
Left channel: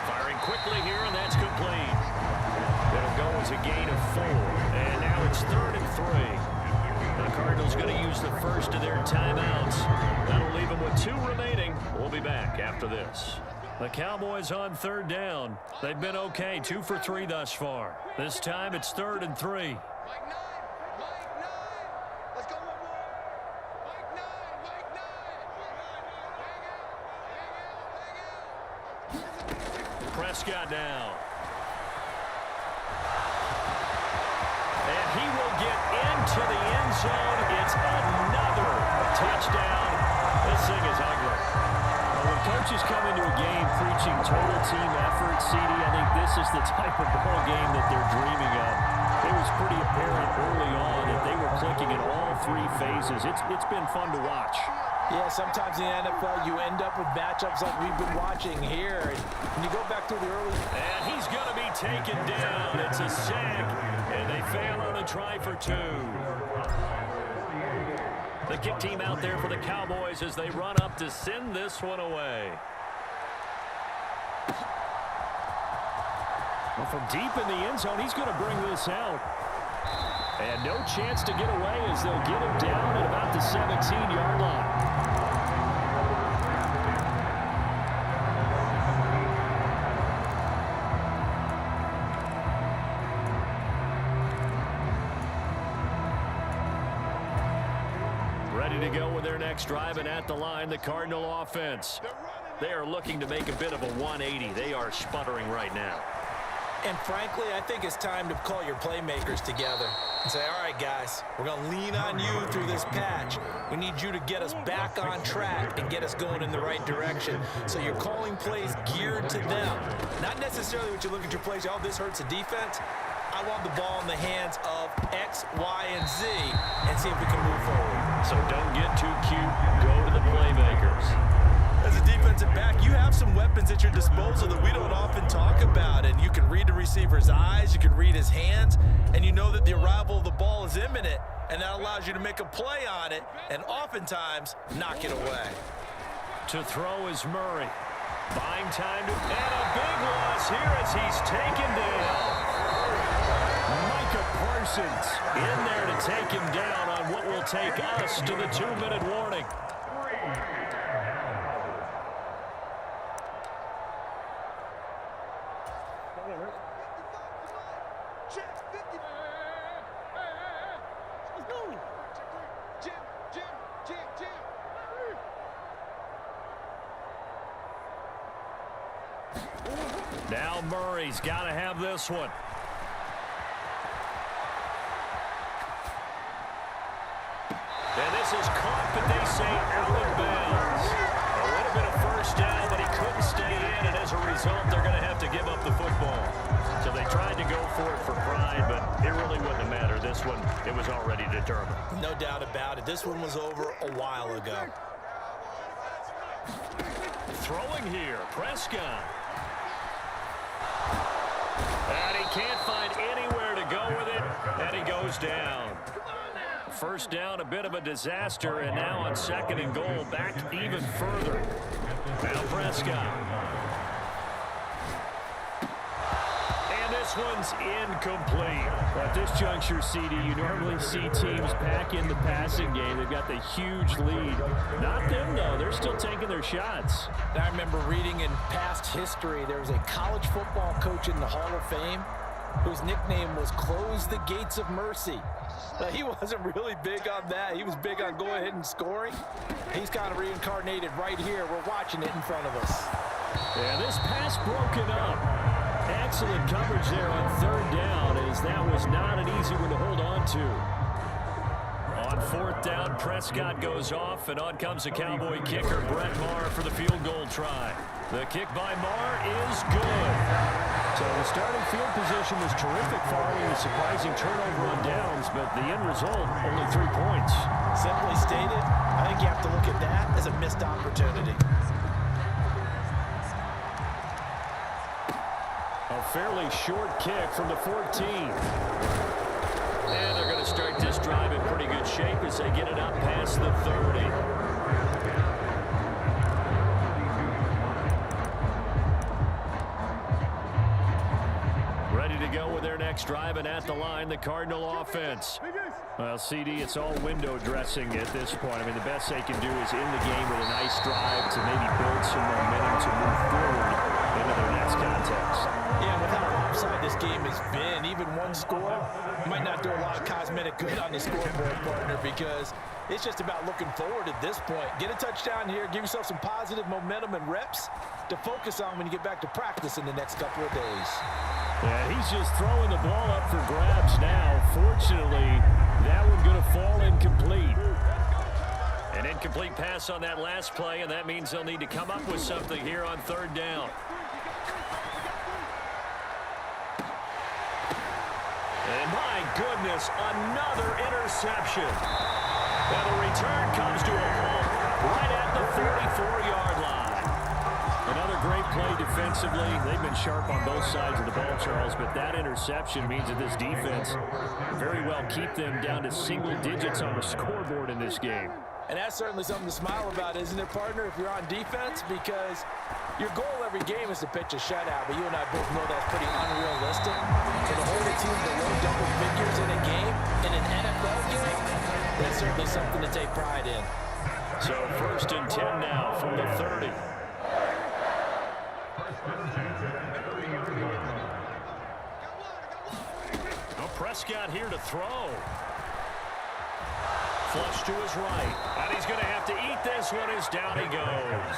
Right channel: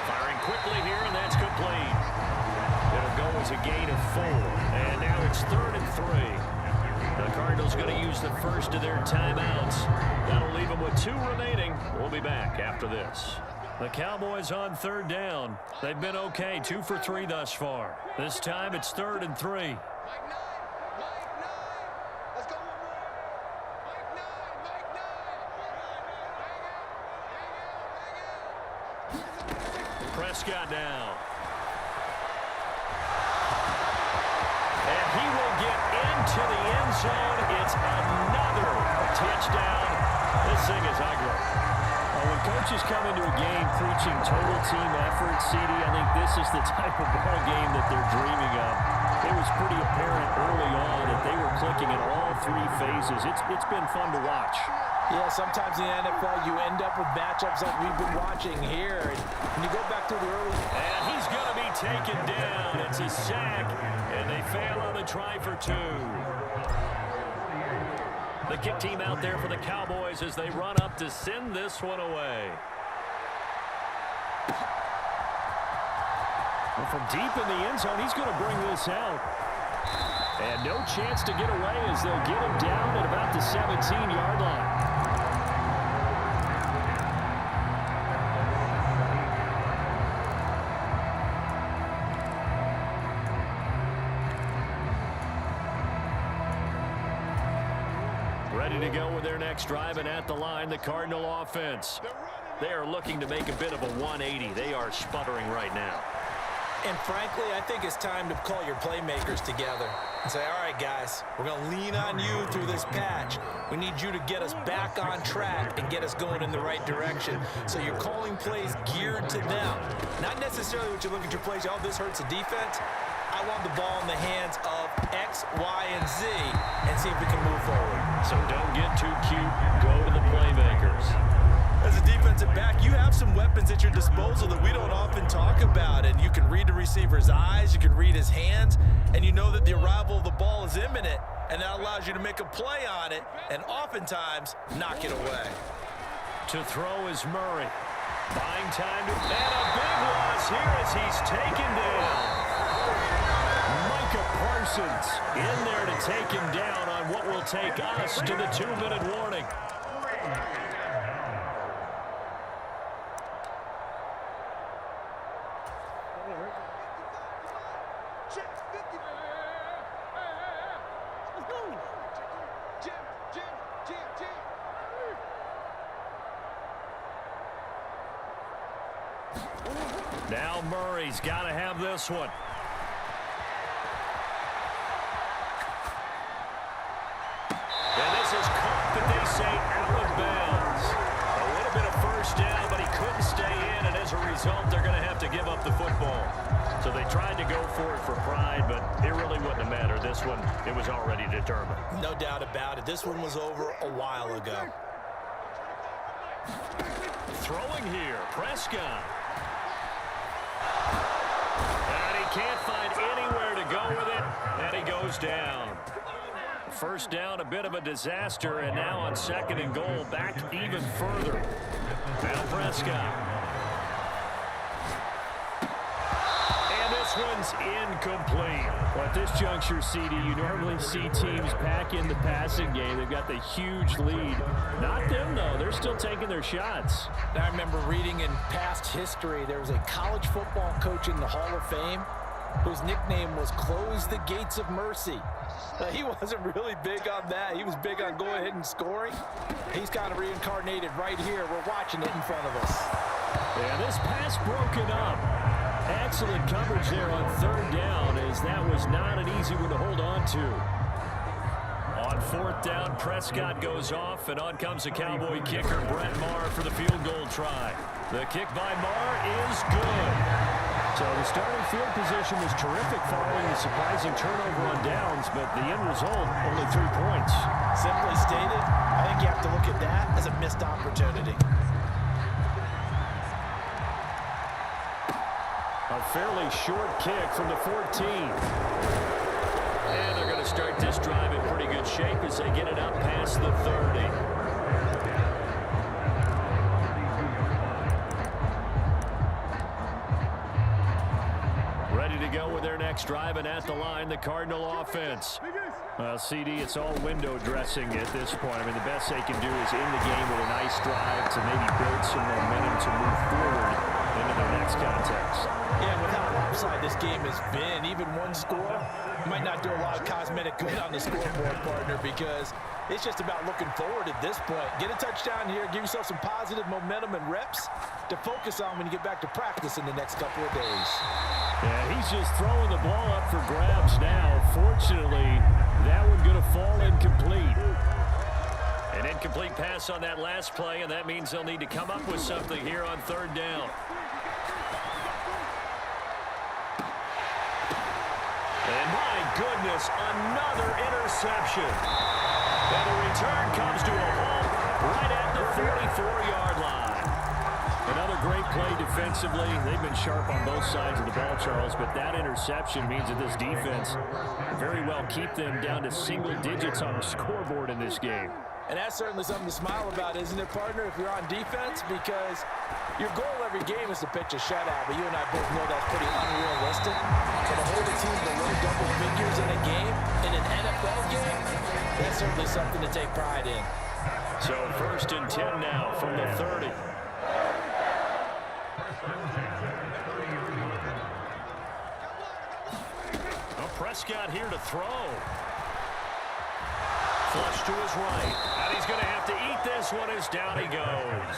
firing quickly here, and that's complete. It'll go as a gain of 4. And now it's 3rd and 3. The Cardinals going to use the first of their timeouts. That'll leave them with 2 remaining. We'll be back after this. The Cowboys on 3rd down. They've been okay, 2 for 3 thus far. This time it's 3rd and 3. Prescott now. And he will get into the end zone. It's another touchdown. This thing is ugly. When coaches come into a game preaching total team effort, CD, I think this is the type of ball game that they're dreaming of. It was pretty apparent early on that they were clicking in all 3 phases. It's been fun to watch. Yeah, sometimes in the NFL you end up with matchups like we've been watching here. And you go back to the early... And he's going to be taken down. It's a sack, and they fail on the try for 2. The kick team out there for the Cowboys as they run up to send this one away. Well, from deep in the end zone, he's going to bring this out. And no chance to get away as they'll get him down at about the 17-yard line. Ready to go with their next drive, and at the line, the Cardinal offense. They are looking to make a bit of a 180. They are sputtering right now. And frankly, I think it's time to call your playmakers together and say, all right, guys, we're going to lean on you through this patch. We need you to get us back on track and get us going in the right direction. So you're calling plays geared to them. Not necessarily what you look at your plays, oh, this hurts the defense. I want the ball in the hands of X, Y, and Z and see if we can move forward. So don't get too cute. Go to the playmakers. As a defensive back, you have some weapons at your disposal that we don't often talk about. And you can read the receiver's eyes, you can read his hands, and you know that the arrival of the ball is imminent. And that allows you to make a play on it and oftentimes knock it away. To throw is Murray. Buying time to... And a big loss here as he's taken down. Micah Parsons in there to take him down on what will take us to the 2-minute warning. Now Murray's got to have this one. And this is caught, but they say out of bounds. A little bit of first down, but he couldn't stay in, and as a result, they're going to have to give up the football. So they tried to go for it for pride, but it really wouldn't have mattered. This one, it was already determined. No doubt about it. This one was over a while ago. Throwing here, Prescott. And he can't find anywhere to go with it, and he goes down. First down, a bit of a disaster, and now on 2nd and goal, back even further. Now Prescott. And this this one's incomplete. Well, at this juncture, CD, you normally see teams pack in the passing game. They've got the huge lead. Not them, though. They're still taking their shots. I remember reading in past history, there was a college football coach in the Hall of Fame whose nickname was Close the Gates of Mercy. He wasn't really big on that. He was big on go ahead and scoring. He's kind of reincarnated right here. We're watching it in front of us. Yeah, this pass broken up. Excellent coverage there on third down, as that was not an easy one to hold on to. On fourth down, Prescott goes off, and on comes the Cowboy kicker, Brett Maher, for the field goal try. The kick by Maher is good. So the starting field position was terrific following the surprising turnover on downs, but the end result, only 3 points. Simply stated, I think you have to look at that as a missed opportunity. A fairly short kick from the 14. And they're going to start this drive in pretty good shape as they get it up past the 30. Ready to go with their next drive, and at the line, the Cardinal offense. Well, CD, it's all window dressing at this point. I mean, the best they can do is in the game with a nice drive to maybe build some momentum to move forward into their next contest. Yeah, with how lopsided this game has been, even one score might not do a lot of cosmetic good on the scoreboard, partner, because it's just about looking forward at this point. Get a touchdown here, give yourself some positive momentum and reps to focus on when you get back to practice in the next couple of days. Yeah, he's just throwing the ball up for grabs now. Fortunately, that one going to fall incomplete. An incomplete pass on that last play, and that means they'll need to come up with something here on third down. And my goodness, another interception. And the return comes to a halt right at the 44-yard line. Another great play defensively. They've been sharp on both sides of the ball, Charles, but that interception means that this defense very well keep them down to single digits on the scoreboard in this game. And that's certainly something to smile about, isn't it, partner, if you're on defense? Because your goal every game is to pitch a shutout, but you and I both know that's pretty unrealistic. So to hold a team below double figures in a game, in an NFL game, that's certainly something to take pride in. So 1st and 10 now from the 30. Well, Prescott here to throw. Flush to his right. And he's going to have to eat this one as down he goes.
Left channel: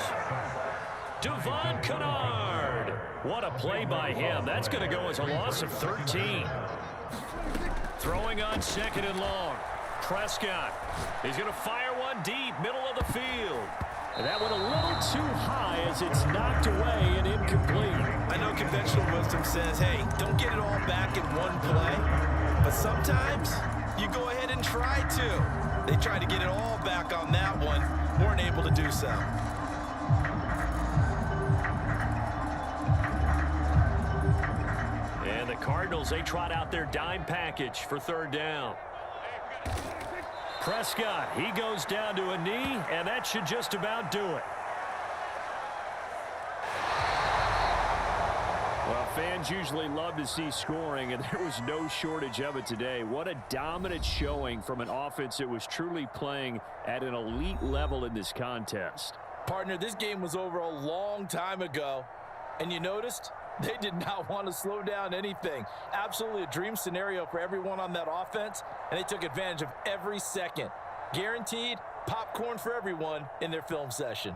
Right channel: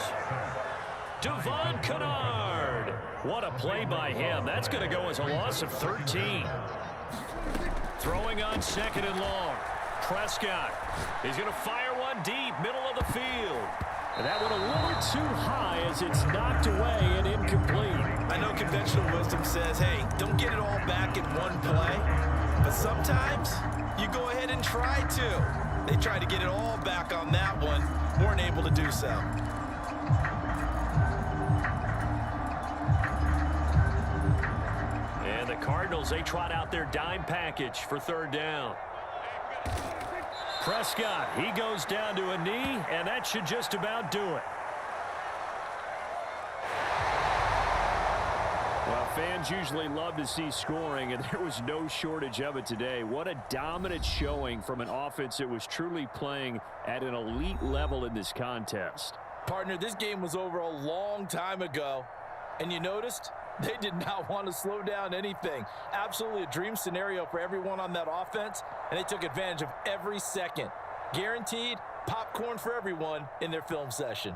Devon Kennard. What a play by him. That's going to go as a loss of 13. Throwing on 2nd and long. Prescott. He's going to fire one deep, middle of the field. And that went a little too high as it's knocked away and incomplete. I know conventional wisdom says, hey, don't get it all back in one play. But sometimes you go ahead and try to. They tried to get it all back on that one. Weren't able to do so. And the Cardinals, they trot out their dime package for third down. Prescott, he goes down to a knee, and that should just about do it. Well, fans usually love to see scoring, and there was no shortage of it today. What a dominant showing from an offense that was truly playing at an elite level in this contest. Partner, this game was over a long time ago, and you noticed they did not want to slow down anything. Absolutely a dream scenario for everyone on that offense, and they took advantage of every second. Guaranteed popcorn for everyone in their film session.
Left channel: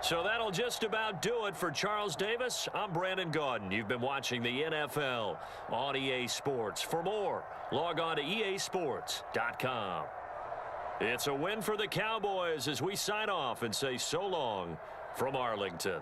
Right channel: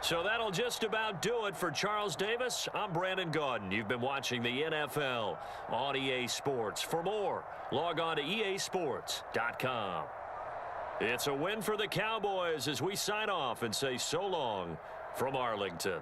So that'll just about do it for Charles Davis. I'm Brandon Gaudin. You've been watching the NFL on EA Sports. For more, log on to easports.com. It's a win for the Cowboys as we sign off and say so long from Arlington.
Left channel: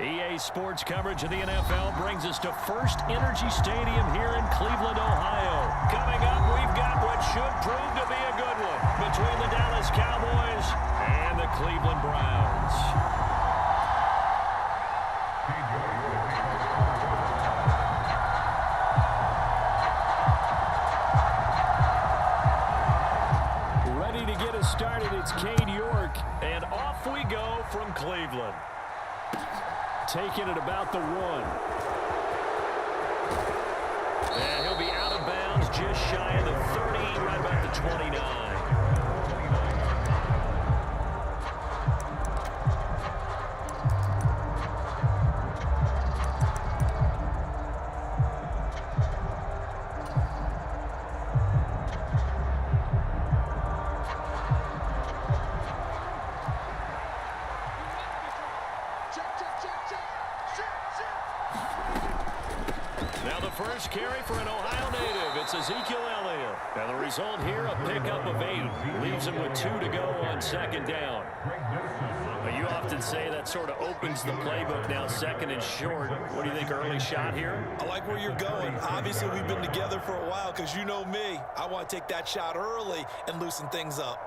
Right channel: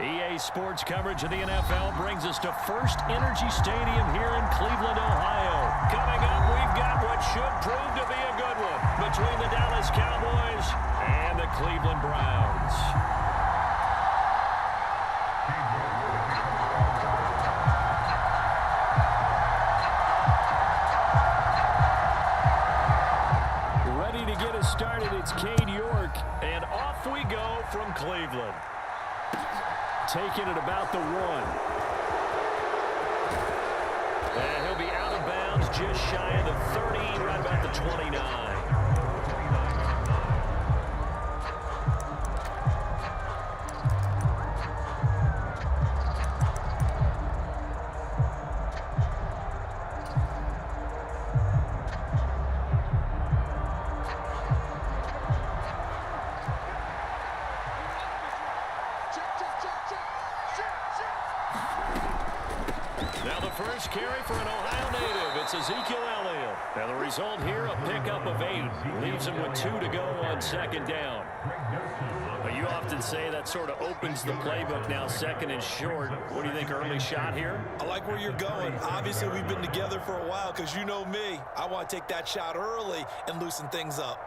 EA Sports coverage of the NFL brings us to First Energy Stadium here in Cleveland, Ohio. Coming up, we've got what should prove to be a good one between the Dallas Cowboys and the Cleveland Browns. Ready to get us started, it's Cade York, and off we go from Cleveland. Taking it about the 1. And he'll be out of bounds just shy of the 30, right about the 29. Now the first carry for an Ohio native. It's Ezekiel Elliott. Now the result here, a pickup of 8. Leaves him with 2 to go on second down. But you often say that sort of opens the playbook now, second and short. What do you think, early shot here? I like where you're going. Obviously, we've been together for a while because you know me. I want to take that shot early and loosen things up.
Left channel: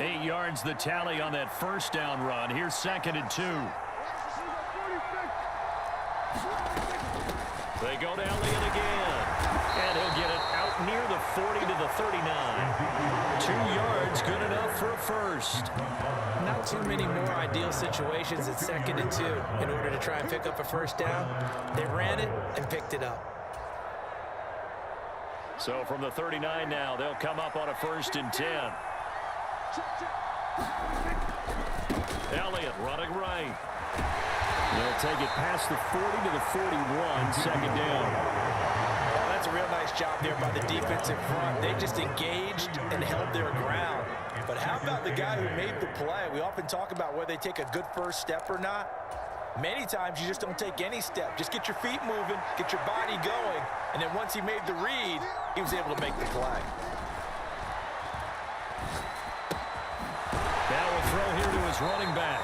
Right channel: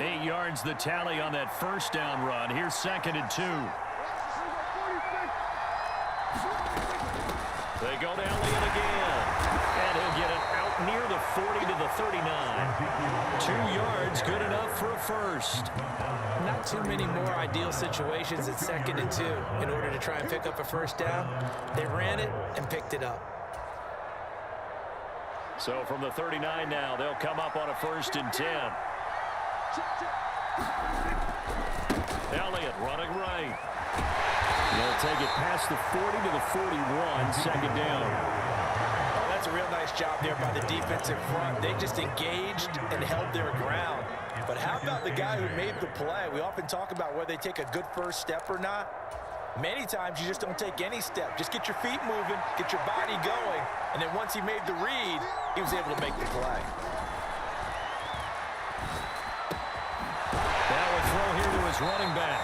8 yards the tally on that first down run. Here's second and 2. They go to Elliott again. And he'll get it out near the 40 to the 39. 2 yards, good enough for a first. Not too many more ideal situations at second and 2 in order to try and pick up a first down. They ran it and picked it up. So from the 39 now, they'll come up on a first and 10. Elliott running right. They'll take it past the 40 to the 41, second down. Oh, that's a real nice job there by the defensive front. They just engaged and held their ground. But how about the guy who made the play? We often talk about whether they take a good first step or not. Many times you just don't take any step. Just get your feet moving, get your body going, and then once he made the read, he was able to make the play. Now a throw here to his running back.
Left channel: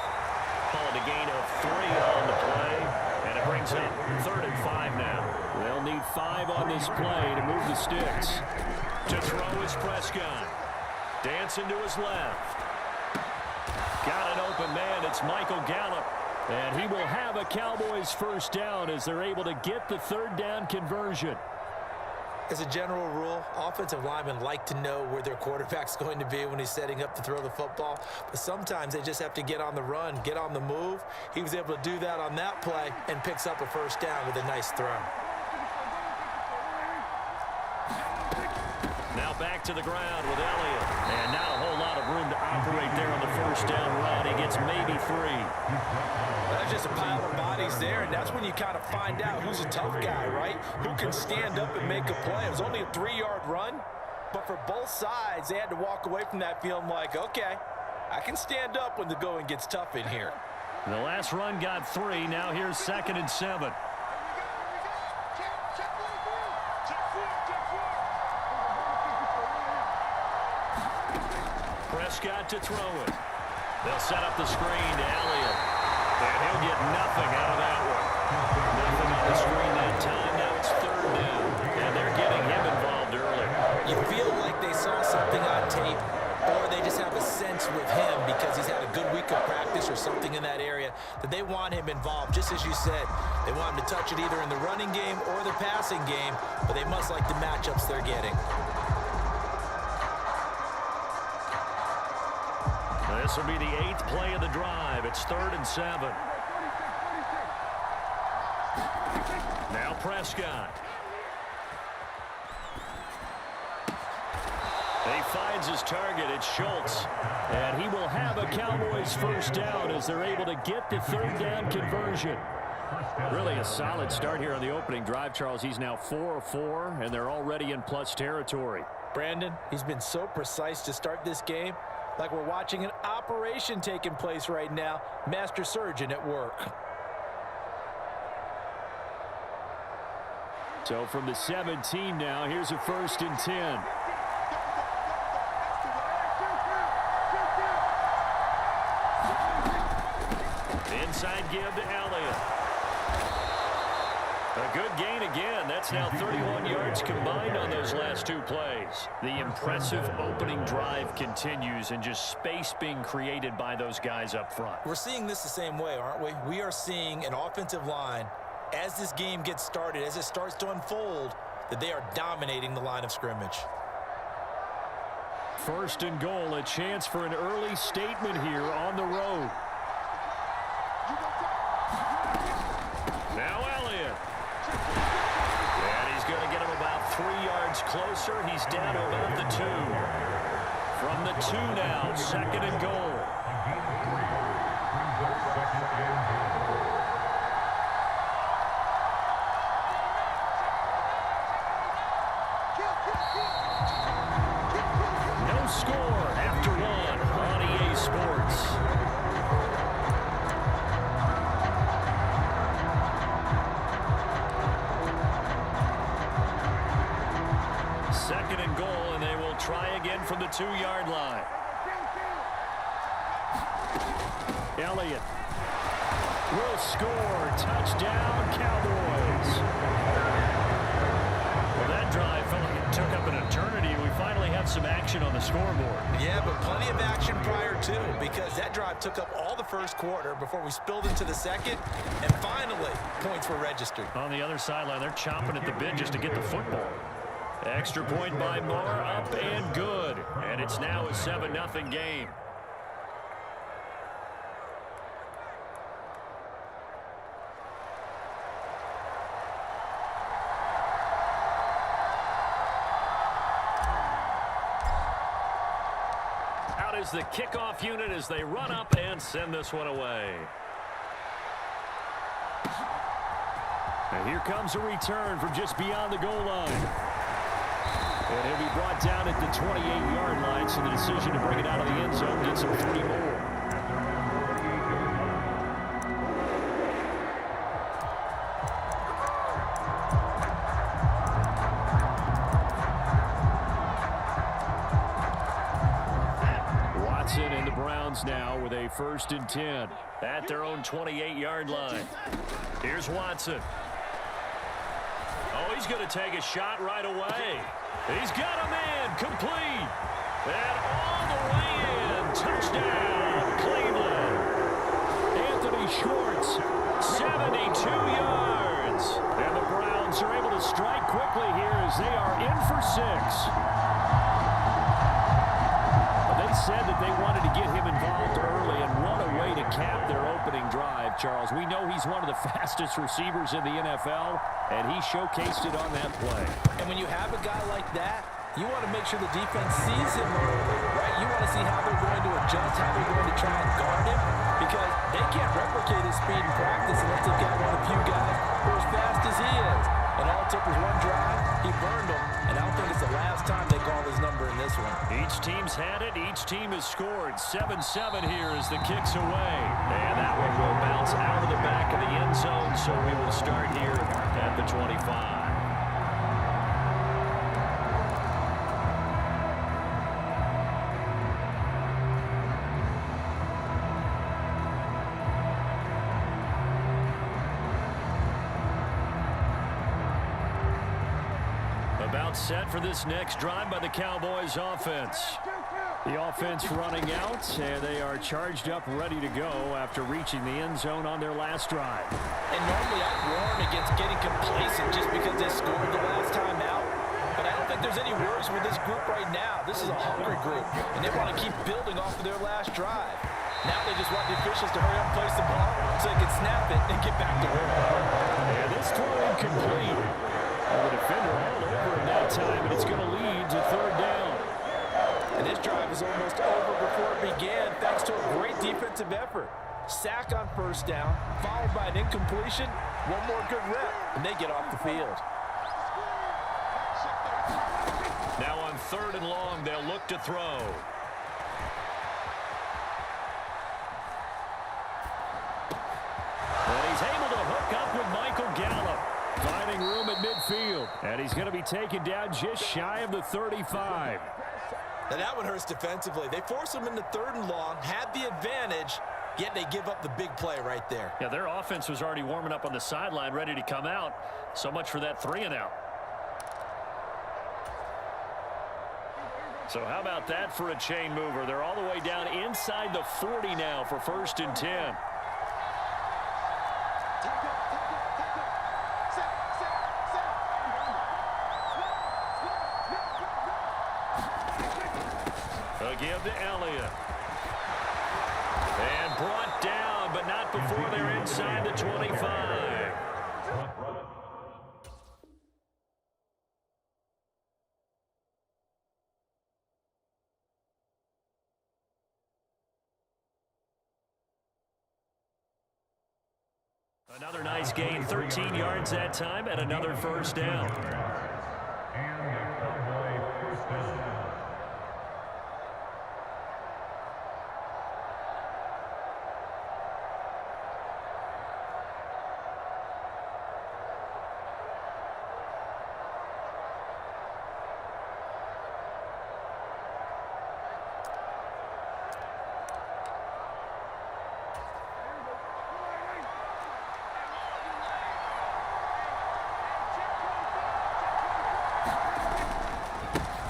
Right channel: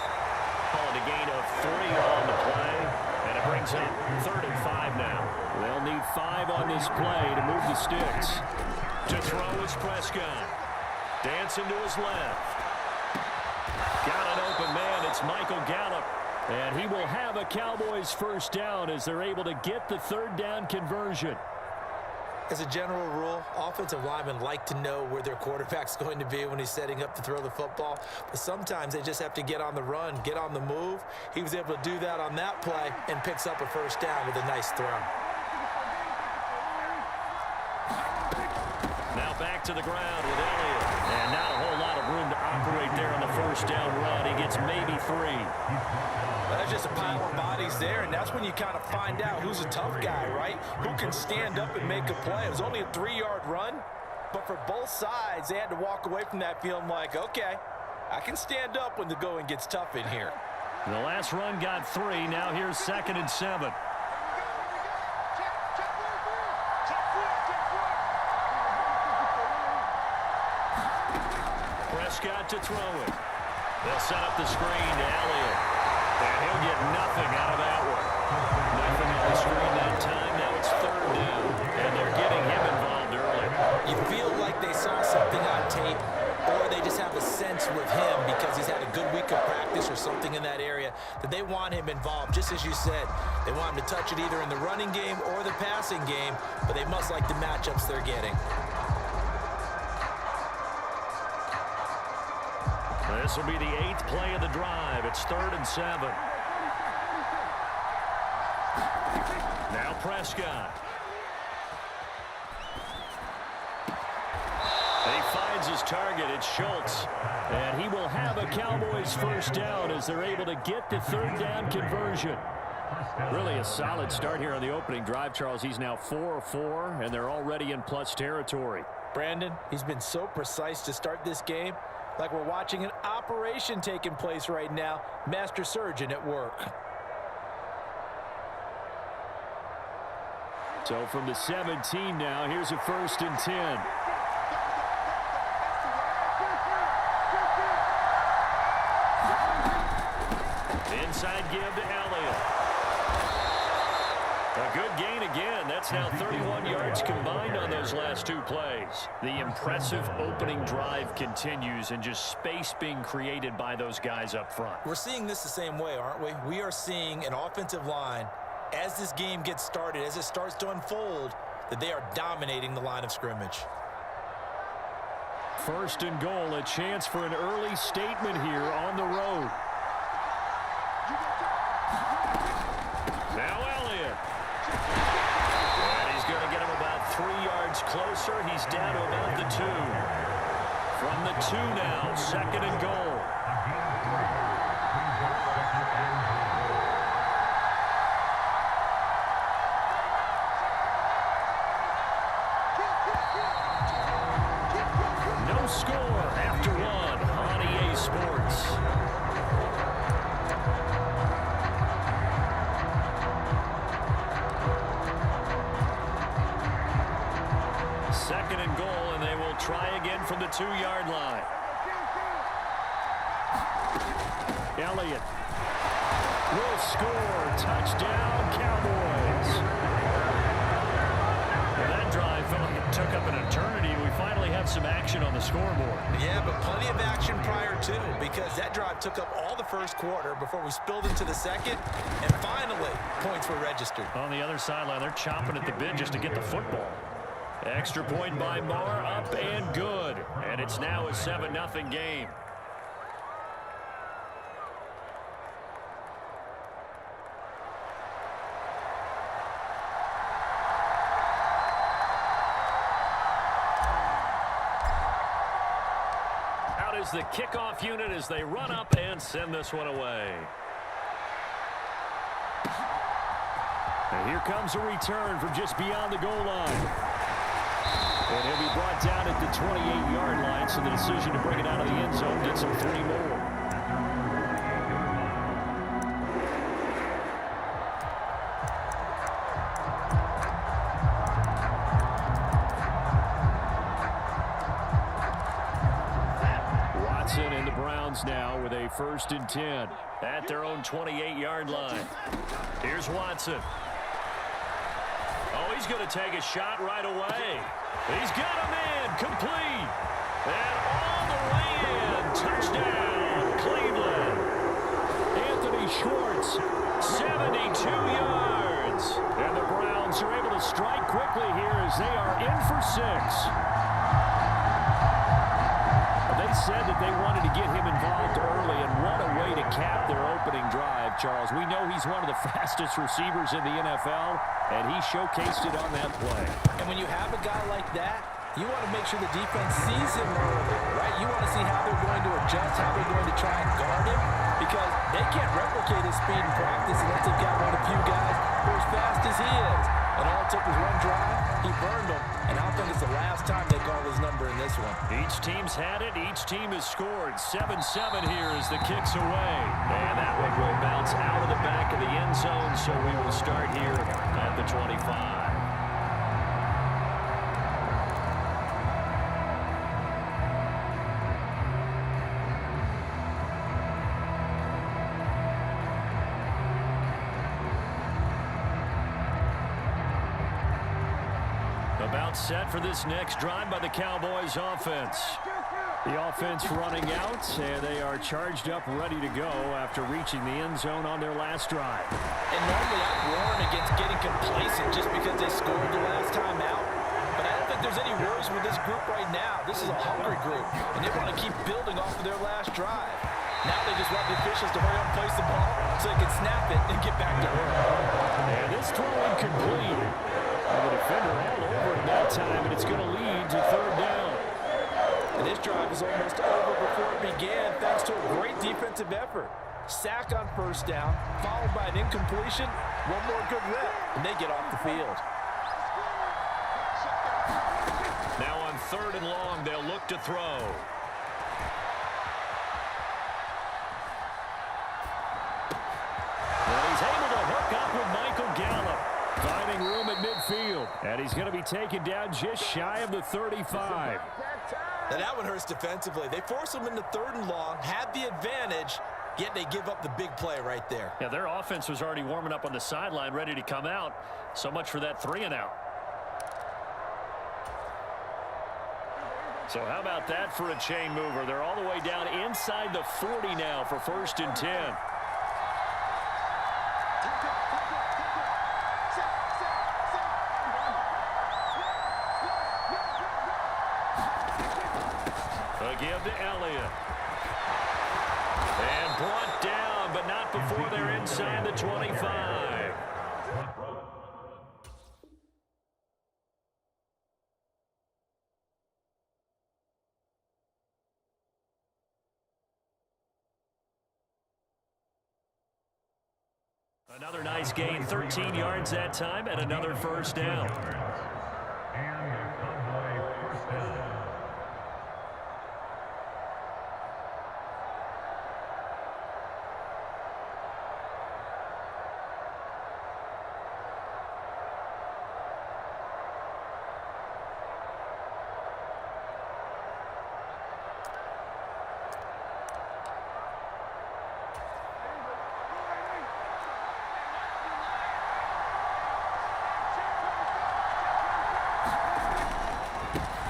Call it a gain of 3 on the play, and it brings up 3rd and 5 now. They'll need 5 on this play to move the sticks. To throw is Prescott. Dancing to his left. Got an open man. It's Michael Gallup. And he will have a Cowboys first down as they're able to get the 3rd down conversion. As a general rule, offensive linemen like to know where their quarterback's going to be when he's setting up to throw the football. But sometimes they just have to get on the run, get on the move. He was able to do that on that play and picks up a first down with a nice throw. Now back to the ground with Elliott. And not a whole lot of room to operate there on the first down run. He gets maybe 3. Well, there's just a pile of bodies there, and that's when you kind of find out who's a tough guy, right? Who can stand up and make a play. It was only a 3-yard run, but for both sides, they had to walk away from that feeling like, okay, I can stand up when the going gets tough in here. The last run got 3. Now here's 2nd and 7. Prescott to throw it. They'll set up the screen to Elliott. And he'll get nothing out of that one. Nothing on the screen that time. Now it's 3rd down. And they're getting him involved early. You feel like they saw something on tape, or they just have a sense with him because he's had a good week of practice or something in that area that they want him involved. Just as you said, they want him to touch it either in the running game or the passing game, but they must like the matchups they're getting. This will be the 8th play of the drive. It's 3rd and 7. Now Prescott. He finds his target. It's Schultz. And he will have a Cowboys first down as they're able to get the 3rd down conversion. Really a solid start here on the opening drive, Charles. He's now 4 of 4, and they're already in plus territory. Brandon, he's been so precise to start this game. Like we're watching an operation taking place right now. Master surgeon at work. So from the 17 now, here's a 1st and 10. inside give to Elliott. A good gain again. That's now 31 yards combined on those last two plays. The impressive opening drive continues, and just space being created by those guys up front. We're seeing this the same way, aren't we? We are seeing an offensive line, as this game gets started, as it starts to unfold, that they are dominating the line of scrimmage. First and goal, a chance for an early statement here on the road. Now Elliott. And he's going to get him about 3 yards closer. He's down to about the 2. From the 2 now, second and goal. No score after 1 on EA Sports. Second and goal, and they will try again from the 2-yard line. Elliott will score. Touchdown, Cowboys. Well, that drive felt like it took up an eternity. We finally have some action on the scoreboard. Yeah, but plenty of action prior to, because that drive took up all the first quarter before we spilled into the second, and finally, points were registered. On the other sideline, they're chomping at the bit just to get the football. Extra point by Marr, up and good. And it's now a 7-0 game. Out is the kickoff unit as they run up and send this one away. And here comes a return from just beyond the goal line. And he'll be brought down at the 28-yard line, so the decision to bring it out of the end zone gets him 3 more. Watson and the Browns now with a 1st and 10. At their own 28-yard line. Here's Watson. Oh, he's going to take a shot right away. He's got a man complete. And all the way in. Touchdown, Cleveland. Anthony Schwartz, 72 yards. and the Browns are able to strike quickly here as they are in for 6. They said that they wanted to get him involved early, and what a way to cap their opening drive, Charles. We know he's one of the fastest receivers in the NFL, and he showcased it on that play. And when you have a guy like that, you want to make sure the defense sees him early, right? You want to see how they're going to adjust, how they're going to try and guard him, because they can't replicate his speed in practice unless they've got one of the few guys who are as fast as he is. And all it took was one drive. He burned them, and I don't think it's the last time they call his number in this one. Each team's had it. Each team has scored. 7-7 here as the kick's away. And that one will bounce out of the back of the end zone, so we will start here at the 25. About set for this next drive by the Cowboys offense. The offense running out, and they are charged up, ready to go after reaching the end zone on their last drive. And normally I'd warn against getting complacent just because they scored the last time out. But I don't think there's any worries with this group right now. This is a hungry group, and they want to keep building off of their last drive. Now they just want the officials to hurry up and place the ball so they can snap it and get back to work. And this throw incomplete. And the defender all over him that time, and it's going to lead to 3rd down. And this drive is almost over before it began thanks to a great defensive effort. Sack on 1st down, followed by an incompletion, one more good rep, and they get off the field. Now on 3rd and long, they'll look to throw. And he's able to hook up with Michael Gallup, finding room at midfield. And he's going to be taken down just shy of the 35. Now that one hurts defensively. They force him into 3rd and long, had the advantage. yet they give up the big play right there. Yeah, their offense was already warming up on the sideline, ready to come out. So much for that 3-and-out. So how about that for a chain mover? They're all the way down inside the 40 now for 1st and 10. A give to Elliott. And brought down, but not before they're inside the 25. Another nice gain, 13 yards that time, and another 1st down. And a Cowboy 1st down.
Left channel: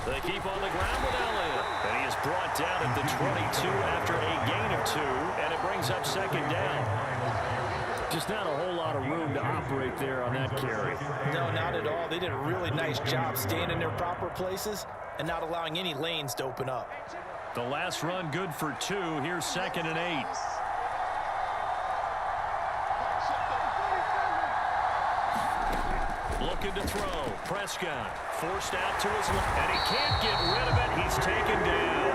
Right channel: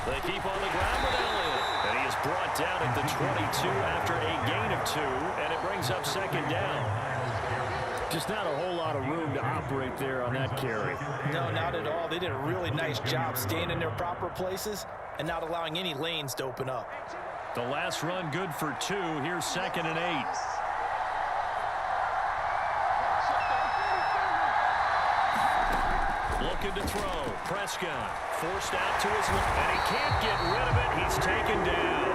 They keep on the ground with Elliott. And he is brought down at the 22 after a gain of 2, and it brings up 2nd down. Just not a whole lot of room to operate there on that carry. No, not at all. They did a really nice job staying in their proper places and not allowing any lanes to open up. The last run good for 2. Here's 2nd and 8. Looking to throw. Prescott forced out to his left, and he can't get rid of it. He's taken down.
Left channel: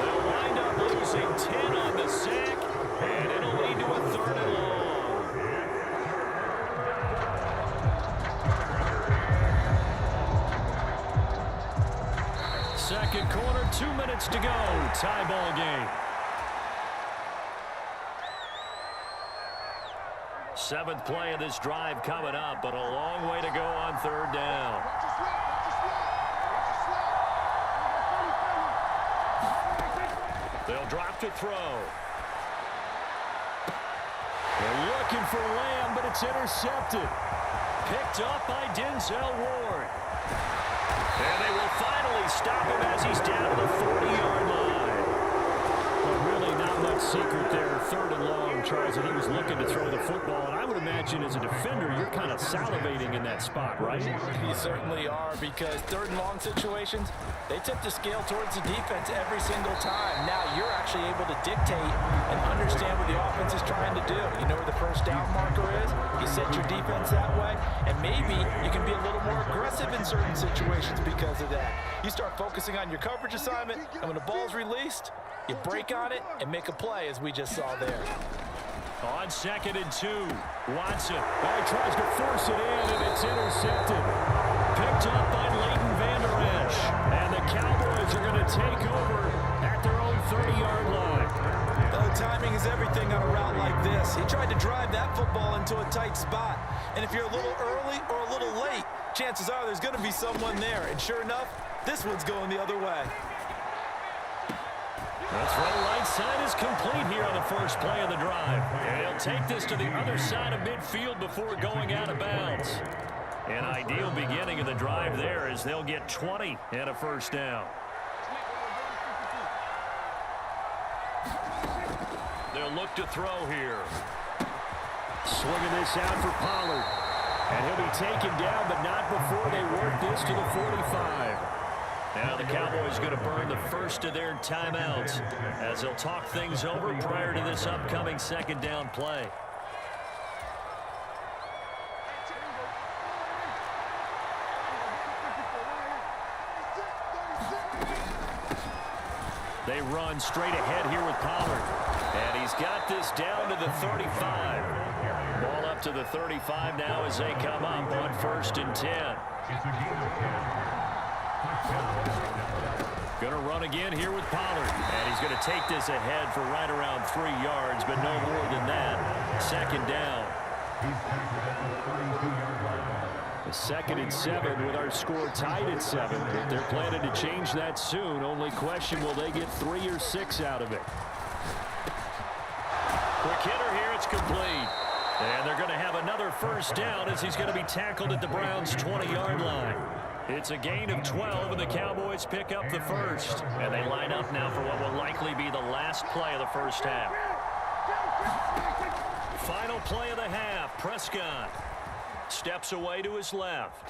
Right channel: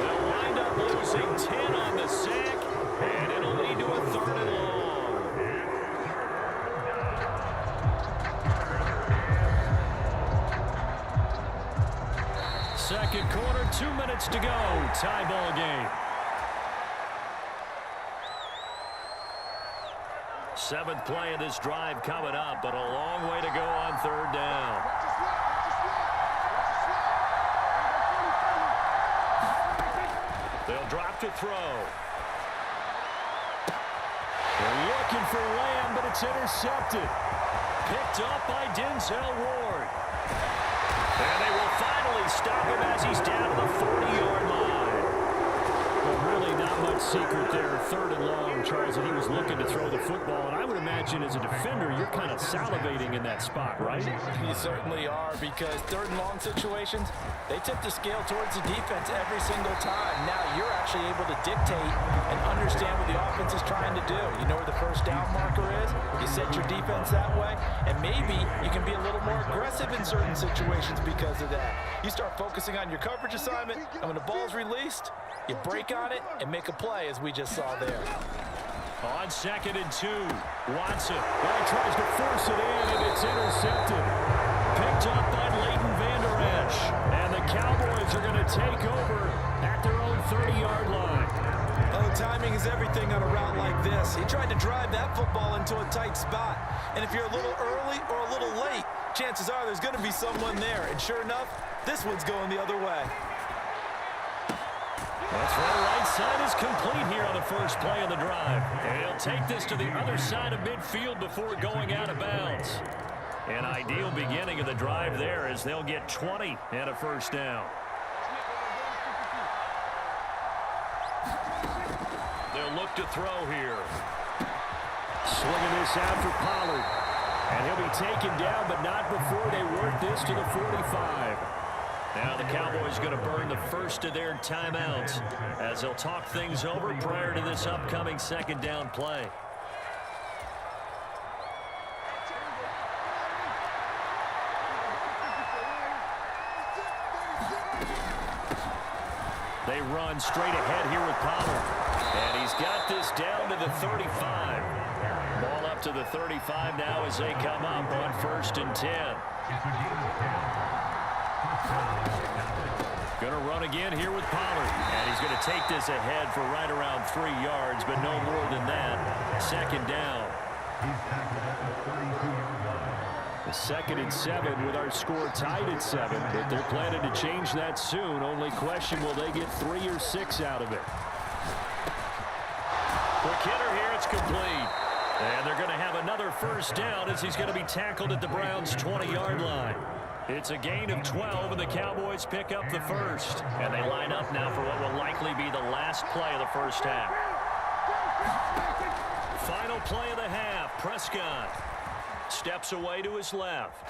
They'll wind up losing 10 on the sack, and it'll lead to a 3rd and long. Second quarter, 2 minutes to go. Tie ball game. 7th play of this drive coming up, but a long way to go on 3rd down. They'll drop to throw. They're looking for Lamb, but it's intercepted. Picked up by Denzel Ward. And they will finally stop him as he's down to the 40-yard line. But really not much secret there. 3rd and long, Charles, and he was looking to throw the football. And I would imagine as a defender, you're kind of salivating in that spot, right? You certainly are, because 3rd and long situations, they tip the scale towards the defense every single time. Now you're actually able to dictate and understand what the offense is trying to do. You know where the 1st down marker is. You set your defense that way, and maybe you can be a little more aggressive in certain situations because of that. You start focusing on your coverage assignment, and when the ball's released, you break on it and make a play, as we just saw there. On 2nd and 2, Watson. Well, he tries to force it in, and it's intercepted. Picked up by Leighton Vander Esch. And the Cowboys are going to take over at their own 30-yard line. Oh, timing is everything on a route like this. He tried to drive that football into a tight spot. And if you're a little early or a little late, chances are there's going to be someone there. And sure enough, this one's going the other way. The throw right side is complete here on the 1st play of the drive. And he'll take this to the other side of midfield before going out of bounds. An ideal beginning of the drive there as they'll get 20 and a 1st down. They'll look to throw here. Swinging this out for Pollard. And he'll be taken down, but not before they work this to the 45. Now the Cowboys going to burn the first of their timeouts as they'll talk things over prior to this upcoming 2nd down play. They run straight ahead here with Pollard. And he's got this down to the 35. Ball up to the 35 now as they come up on 1st and 10. Going to run again here with Pollard. And he's going to take this ahead for right around 3 yards, but no more than that. 2nd down. He's tackled at the 32-yard line. The 2nd and 7 with our score tied at 7, but they're planning to change that soon. Only question, will they get 3 or 6 out of it? It's complete. And they're going to have another first down as he's going to be tackled at the Browns' 20-yard line. It's a gain of 12, and the Cowboys pick up the first. And they line up now for what will likely be the last play of the first half. Final play of the half. Prescott steps away to his left.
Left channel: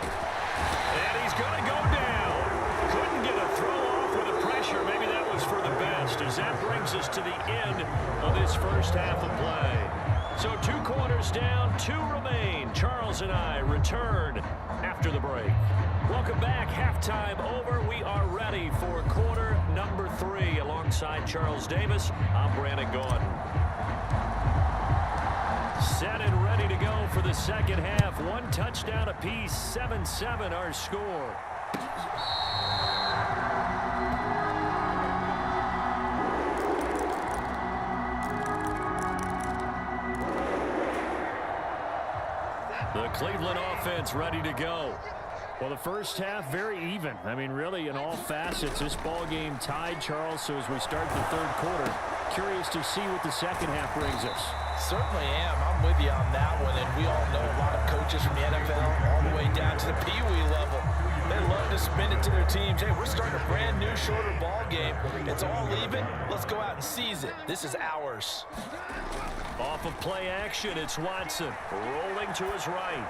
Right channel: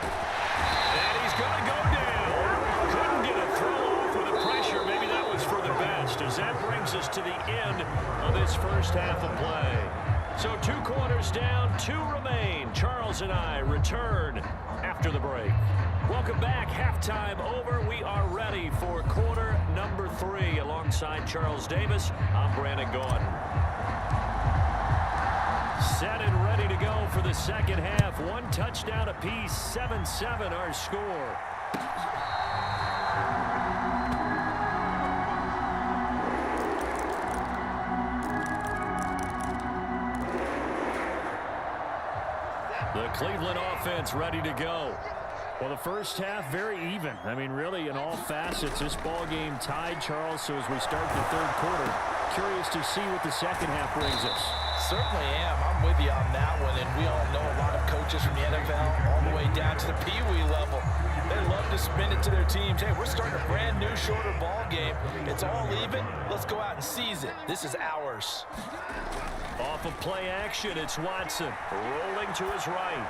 And he's going to go down. Couldn't get a throw off with the pressure. Maybe that was for the best, as that brings us to the end of this first half of play. So 2 quarters down, 2 remain. Charles and I return after the break. Welcome back. Halftime over. We are ready for quarter number 3. Alongside Charles Davis, I'm Brandon Gordon. Set and ready to go for the second half. 1 touchdown apiece, 7-7 our score. The Cleveland offense ready to go. Well, the first half, very even. I mean, really, in all facets, this ball game tied, Charles. So as we start the third quarter, curious to see what the second half brings us. Certainly am. I'm with you on that one, and we all know a lot of coaches from the NFL all the way down to the Pee-wee level. They love to spin it to their teams. Hey, we're starting a brand new, shorter ball game. It's all even. Let's go out and seize it. This is ours. Off of play action, it's Watson rolling to his right.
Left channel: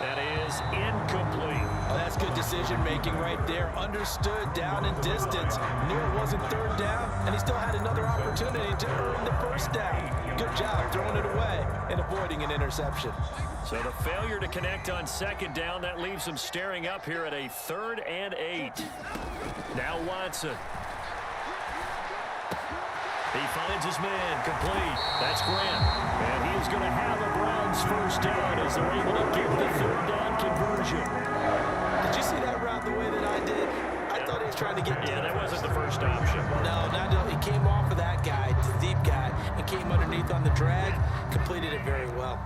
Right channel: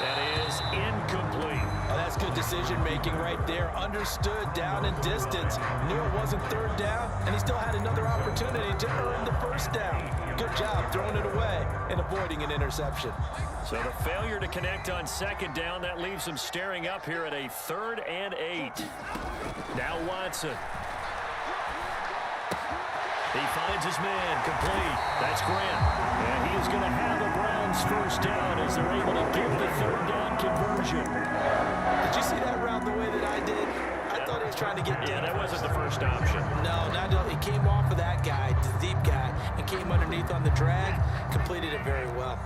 That is incomplete. Oh, that's good decision-making right there. Understood down and distance. Knew it wasn't third down, and he still had another opportunity to earn the first down. Good job throwing it away and avoiding an interception. So the failure to connect on second down, that leaves him staring up here at a 3rd and 8. Now Watson. He finds his man, complete. That's Grant. And he is going to have a Browns first down as they're able to give the 3rd down conversion. Did you see that route the way that I did? I thought he was trying to get deep. Yeah, that wasn't the first option. No, not at all. He came off of that guy, the deep guy, and came underneath on the drag, completed it very well.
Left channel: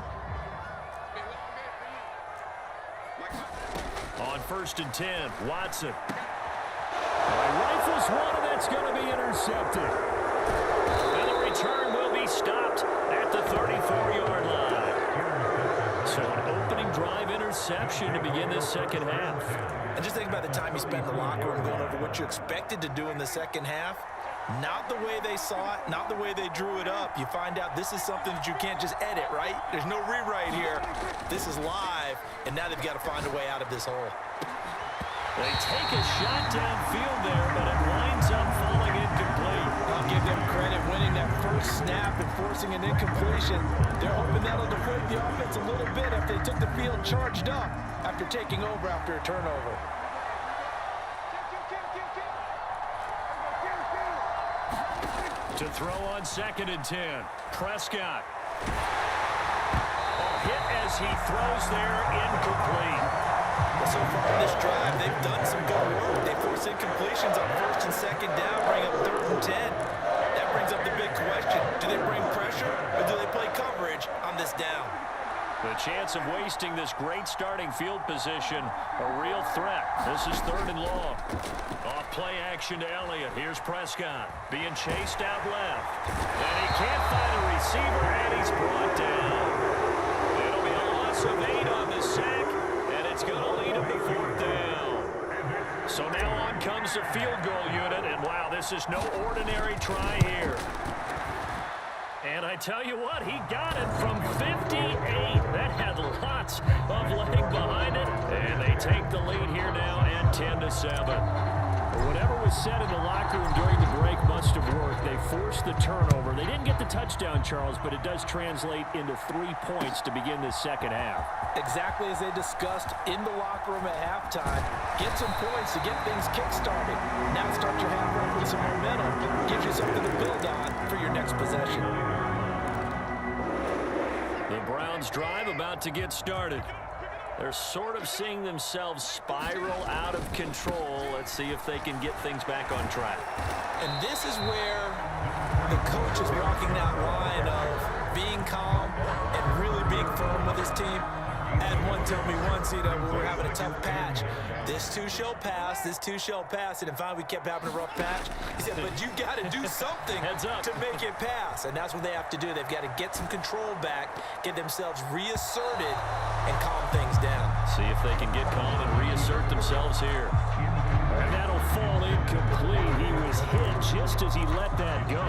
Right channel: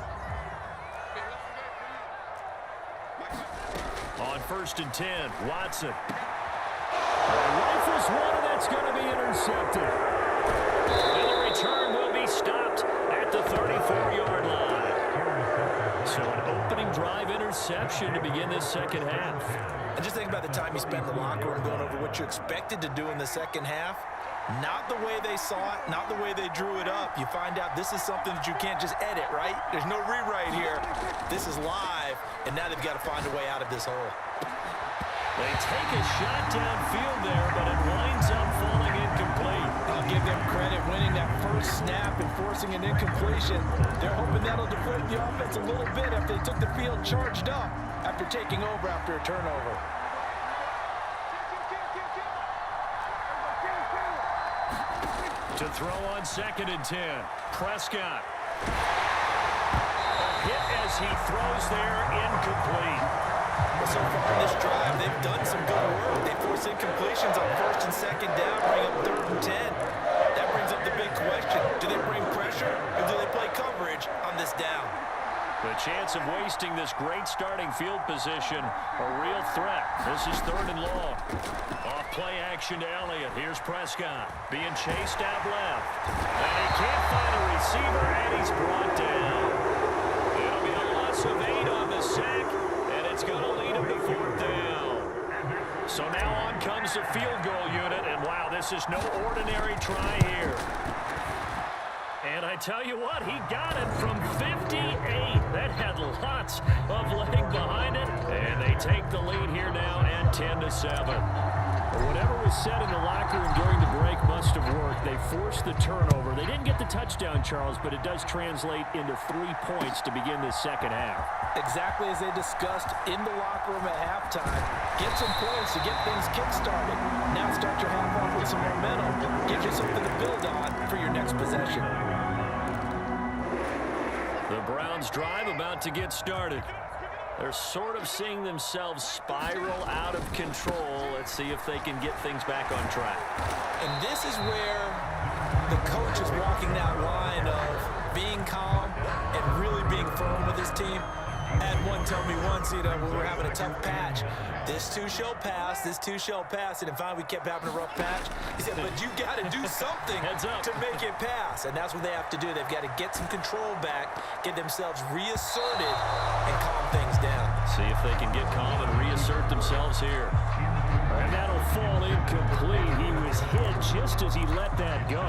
On 1st and 10, Watson. Rifles one, and that's going to be intercepted. And the return will be stopped at the 34-yard line. So an opening drive interception to begin this second half. And just think about the time you spent in the locker room going over what you expected to do in the second half. Not the way they saw it, not the way they drew it up. You find out this is something that you can't just edit, right? There's no rewrite here. This is live, and now they've got to find a way out of this hole. They take a shot downfield there, but it winds up falling incomplete. I'll give them credit winning that first snap and forcing an incompletion. They're hoping that'll deflate the offense a little bit after they took the field charged up after taking over after a turnover. To throw on 2nd and 10, Prescott. Oh, hit as he throws there, incomplete. Well, so far in this drive, they've done some good work. They force incompletions on 1st and 2nd down, bring up 3rd and 10. That brings up the big question. Do they bring pressure or do they play coverage on this down? The chance of wasting this great starting field position, a real threat. This is 3rd and long. Off play action to Elliott. Here's Prescott being chased out left. And he can't find a receiver, and he's brought down. It'll be a loss of 8 on the sack, and it's going to lead him to 4th down. So now on comes the field goal unit, and wow, this is no ordinary try here. And I tell you what, he got it from 58. That had lots of leg behind it. And they take the lead here now at 10-7. Well, whatever was said in the locker room during the break must have worked. They forced the turnover. They didn't get the touchdown, Charles, but it does translate into 3 points to begin this second half. Exactly as they discussed in the locker room at halftime. Get some points to get things kick-started. Now start your half off with some momentum. Gives you something to build on for your next possession. The Browns drive about to get started. They're sort of seeing themselves spiral out of control. Let's see if they can get things back on track. And this is where the coach is walking that line of being calm and really being firm with his team. Had one tell me once, when we were having a tough patch, this too shall pass, this too shall pass, and then finally we kept having a rough patch. He said, but you got to do something to make it pass, and that's what they have to do. They've got to get some control back, get themselves reasserted, and calm things down. See if they can get calm and reassert themselves here. And that'll fall incomplete. He was hit just as he let that go.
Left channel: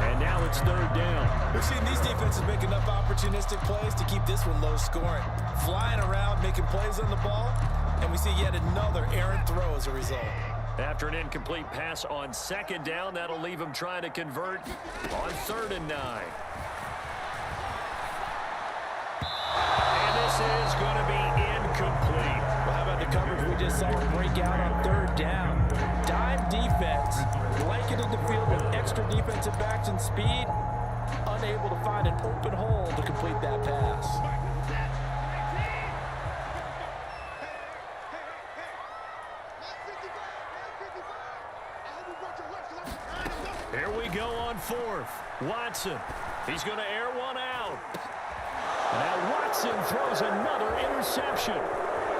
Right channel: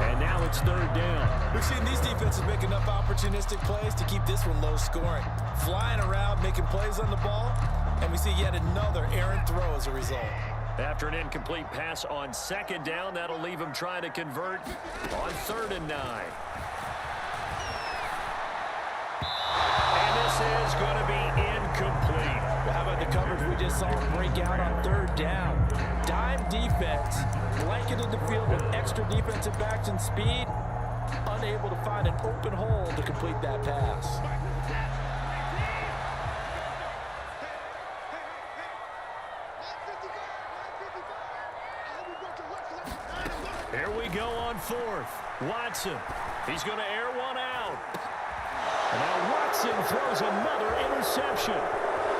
And now it's third down. We've seen these defenses make enough opportunistic plays to keep this one low scoring. Flying around, making plays on the ball, and we see yet another errant throw as a result. After an incomplete pass on second down, that'll leave him trying to convert on 3rd and 9. And this is going to be incomplete. Well, how about the coverage we just saw him break out on 3rd down? Dime defense, blanketed the field with extra defensive backs and speed, unable to find an open hole to complete that pass. Here we go on 4th. Watson. He's going to air one out. And now Watson throws another interception.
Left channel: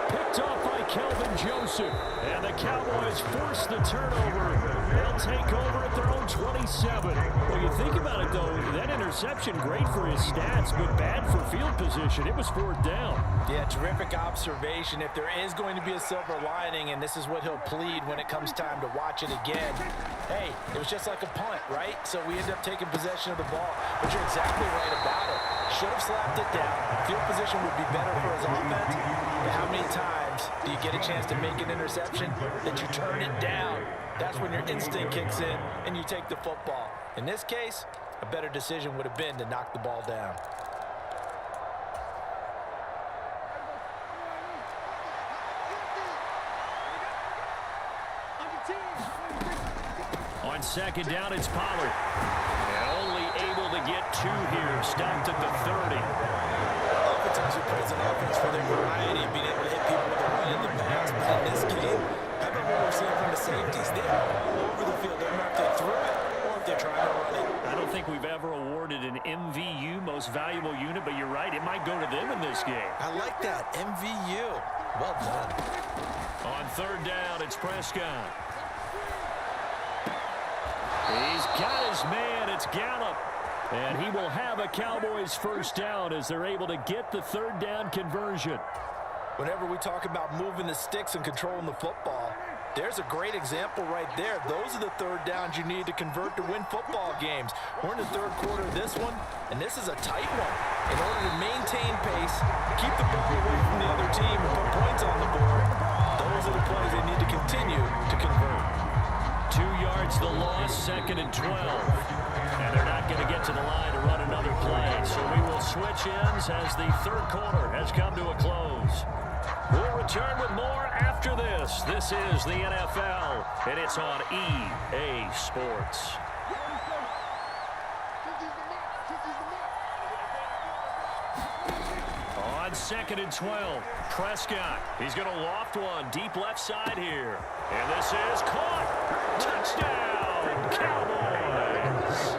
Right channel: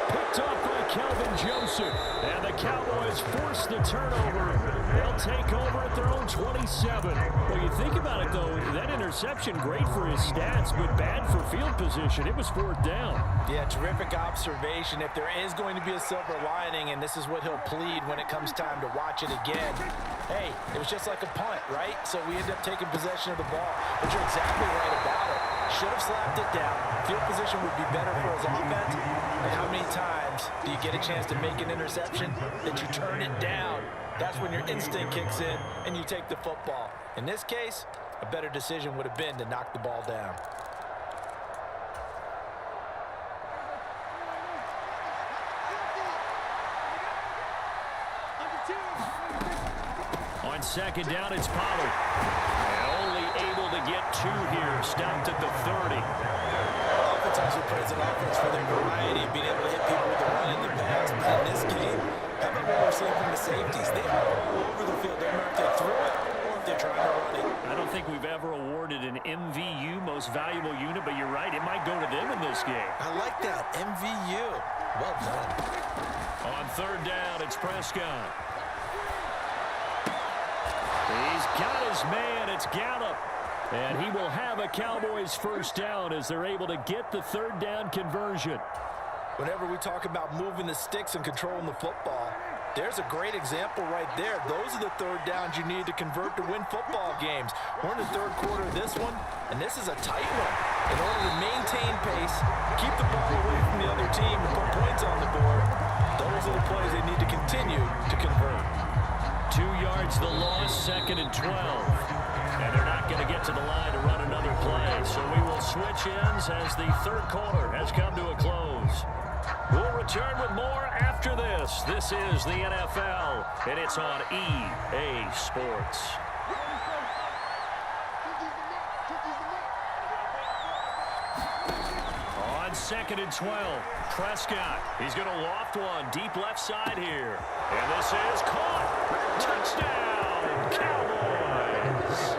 Picked off by Kelvin Joseph. And the Cowboys force the turnover. They'll take over at their own 27. Well, you think about it, though, that interception, great for his stats, but bad for field position. It was 4th down. Yeah, terrific observation. If there is going to be a silver lining, and this is what he'll plead when it comes time to watch it again, hey, it was just like a punt, right? So we end up taking possession of the ball. But you're exactly right about it. Should have slapped it down. Field position would be better for his offense. But how many times do you get a chance to make an interception that you turn it down? That's when your instinct kicks in and you take the football. In this case, a better decision would have been to knock the ball down. On 2nd down, it's Pollard. And only able to get 2 here. Stopped at the 30. Oftentimes we praise an offense for their variety, being able to hit people with the run in the pass. But in this game, how about what we're seeing from the safeties? They are all over the field. Doesn't matter if they threw it or if they're trying to run it. I don't think we've ever awarded an MVU, most valuable unit, but you're right. It might go to them in this game. I like that. MVU. Well done. On 3rd down, it's Prescott. He's got his man. It's Gallup. And he will have a Cowboys first down as they're able to get the 3rd down conversion. Whenever we talk about moving the sticks and controlling the football, there's a great example right there. Those are the 3rd downs you need to convert to win football games. We're in the 3rd quarter of this one, and this is a tight one. In order to maintain pace, keep the ball away from the other team, and put points on the board, those are the plays they need to continue to convert. 2 yards the loss, 2nd and 12. And they're not going to get to the line to run another play. So we will switch ends as the 3rd quarter has come to a close. We'll return with more after this. This is the NFL, and it's on EA Sports. On 2nd and 12, Prescott. He's going to loft one deep left side here. And this is caught. Touchdown, Cowboys.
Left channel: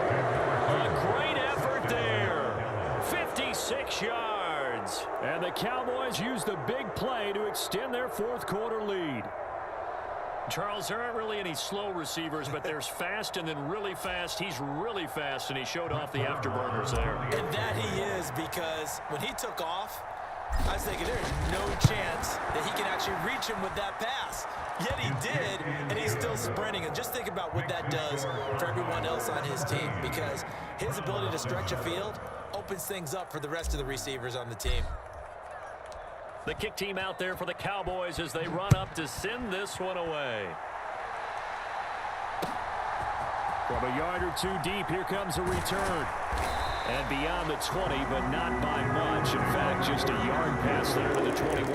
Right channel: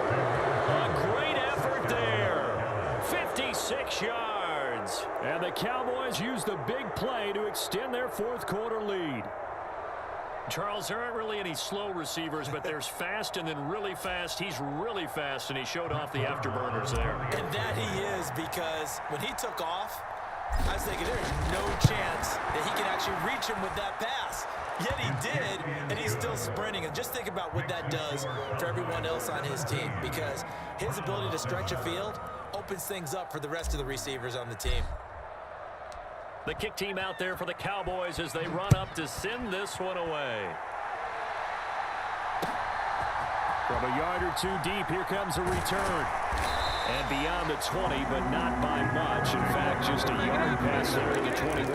A great effort there. 56 yards. And the Cowboys use the big play to extend their 4th quarter lead. Charles, there aren't really any slow receivers, but there's fast and then really fast. He's really fast, and he showed off the afterburners there. And that he is, because when he took off, I was thinking there's no chance that he can actually reach him with that pass. Yet he did, and he's still sprinting. And just think about what that does for everyone else on his team, because his ability to stretch a field opens things up for the rest of the receivers on the team. The kick team out there for the Cowboys as they run up to send this one away. From a yard or 2 deep, here comes a return. And beyond the 20, but not by much. In fact, just a yard pass there to the 21.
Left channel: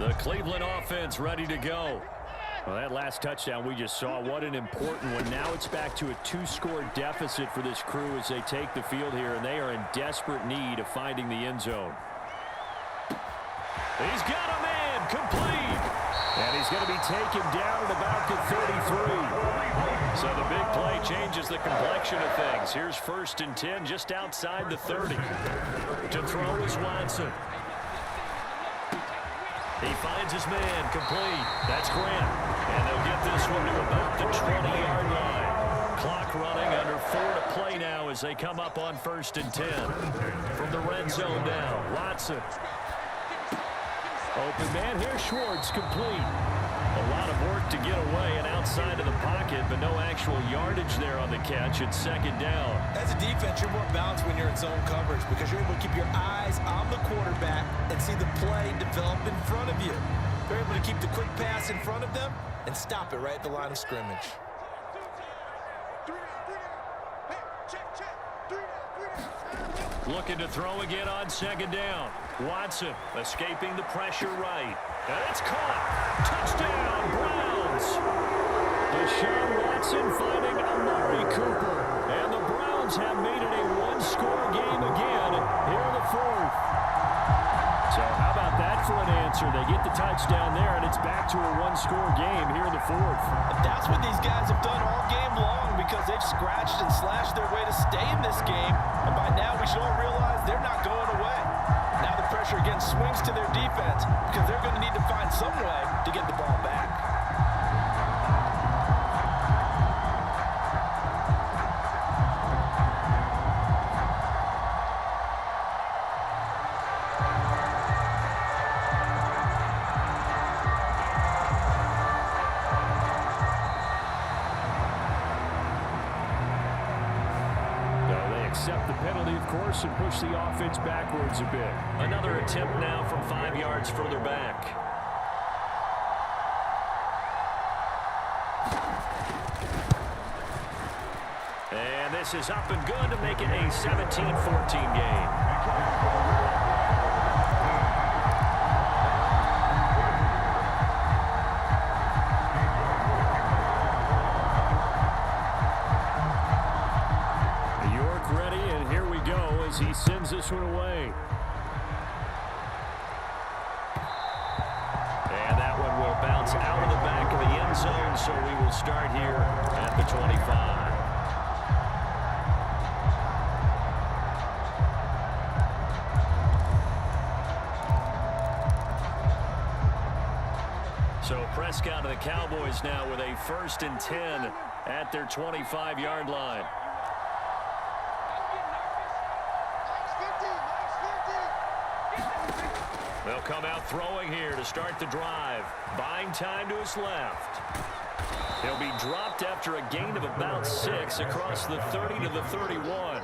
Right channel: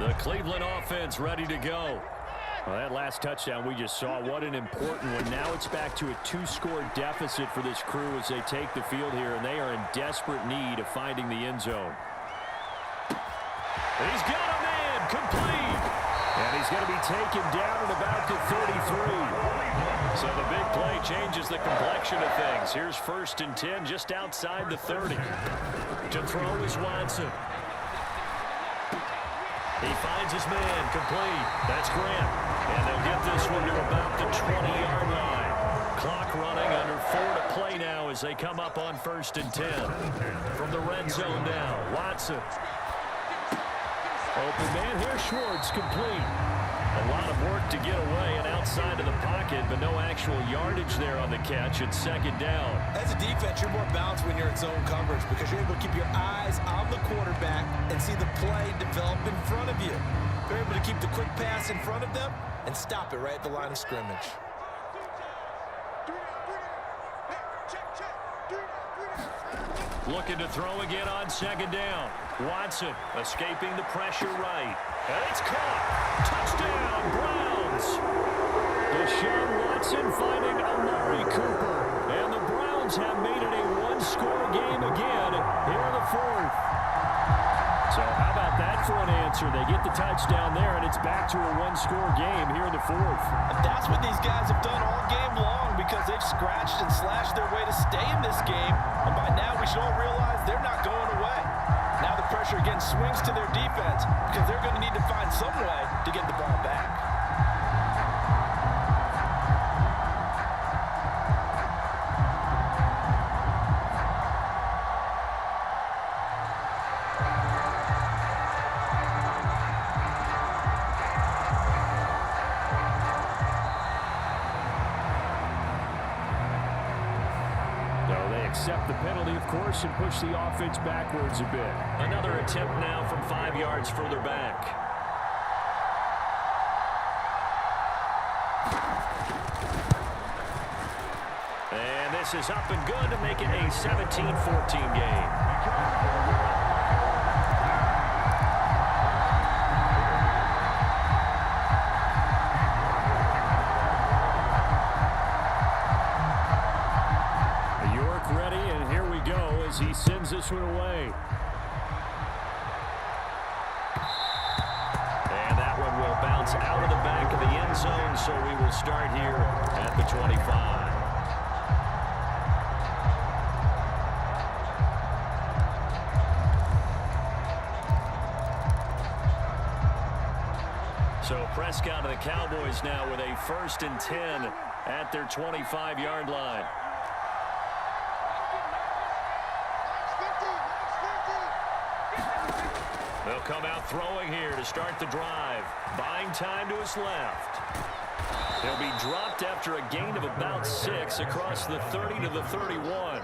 The Cleveland offense ready to go. Well, that last touchdown we just saw, what an important one. Now it's back to a 2-score deficit for this crew as they take the field here, and they are in desperate need of finding the end zone. He's got a man, complete. And he's going to be taken down at about the 33. So the big play changes the complexion of things. Here's 1st and 10 just outside the 30. To throw is Watson. He finds his man, complete. That's Grant. And they'll get this one to about the 20-yard line. Clock running, under 4 to play now as they come up on 1st and 10. From the red zone now, Watson. Open man here, Schwartz, complete. A lot of work to get away and outside of the pocket, but no actual yardage there on the catch. It's 2nd down. As a defense, you're more balanced when you're in zone coverage because you're able to keep your eyes on the quarterback and see the play develop in front of you. They're able to keep the quick pass in front of them and stop it right at the line of scrimmage. Looking to throw again on 2nd down. Watson escaping the pressure right. And it's caught. Touchdown, Browns. Deshaun Watson finding Amari Cooper. And the Browns have made it a one-score game again here in the 4th. So how about that for an answer? They get the touchdown there, and it's back to a one-score game here in the 4th. And that's what these guys have done all game long because they've scratched and slashed their way to stay in this game. And by now, we should all realize they're not going away. Now the pressure again swings to their defense because they're going to need to find some way to get the ball back. Accept the penalty, of course, and push the offense backwards a bit. Another attempt now from 5 yards further back. And this is up and good to make it a 17-14 game. Ready, and here we go as he sends this one away. And that one will bounce out of the back of the end zone, so we will start here at the 25. So Prescott and the Cowboys now with a 1st and 10 at their 25-yard line. They'll come out throwing here to start the drive. Buying time to his left. He'll be dropped after a gain of about 6 across the 30 to the 31.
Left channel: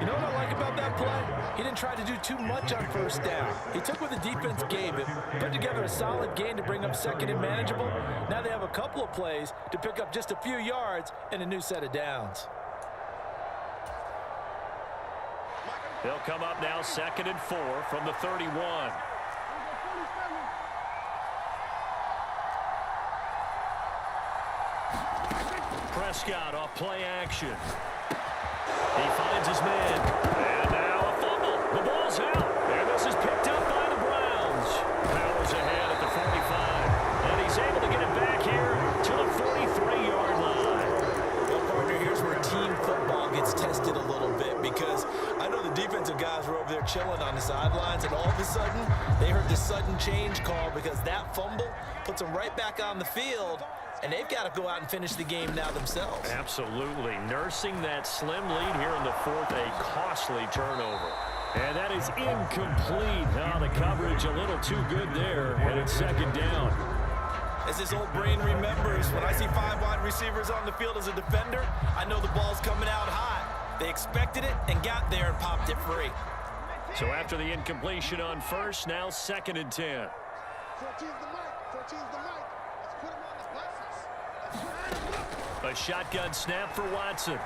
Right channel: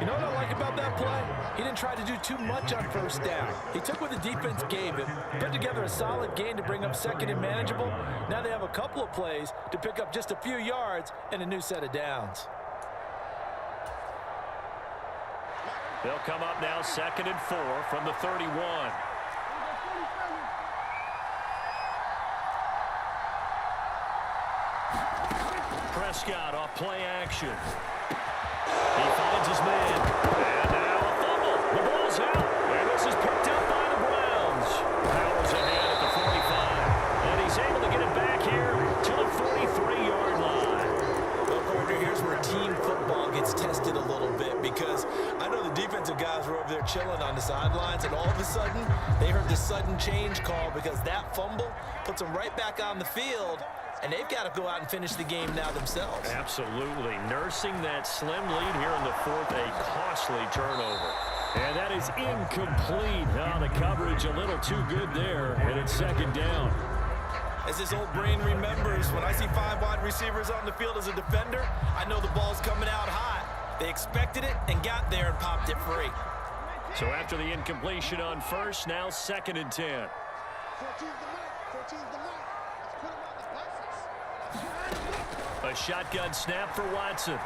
You know what I like about that play? He didn't try to do too much on 1st down. He took what the defense gave him, put together a solid gain to bring up 2nd and manageable. Now they have a couple of plays to pick up just a few yards and a new set of downs. They'll come up now 2nd and 4 from the 31. Prescott off play action. He finds his man. And now a fumble. The ball's out. And this is picked up by the Browns. Powers ahead at the 45. And he's able to get it back here to the 43-yard line. Well, partner, here's where team football gets tested a little bit because I know the defensive guys were over there chilling on the sidelines, and all of a sudden they heard the sudden change call because that fumble puts them right back on the field, and they've got to go out and finish the game now themselves. Absolutely. Nursing that slim lead here in the 4th, a costly turnover. And that is incomplete. Oh, the coverage a little too good there, and it's 2nd down. As this old brain remembers, when I see 5 wide receivers on the field as a defender, I know the ball's coming out hot. They expected it and got there and popped it free. So after the incompletion on 1st, now 2nd and 10. 14's the mic. 14's the mic. Let's put him on the buses. Let's line him up. A shotgun snap for Watson.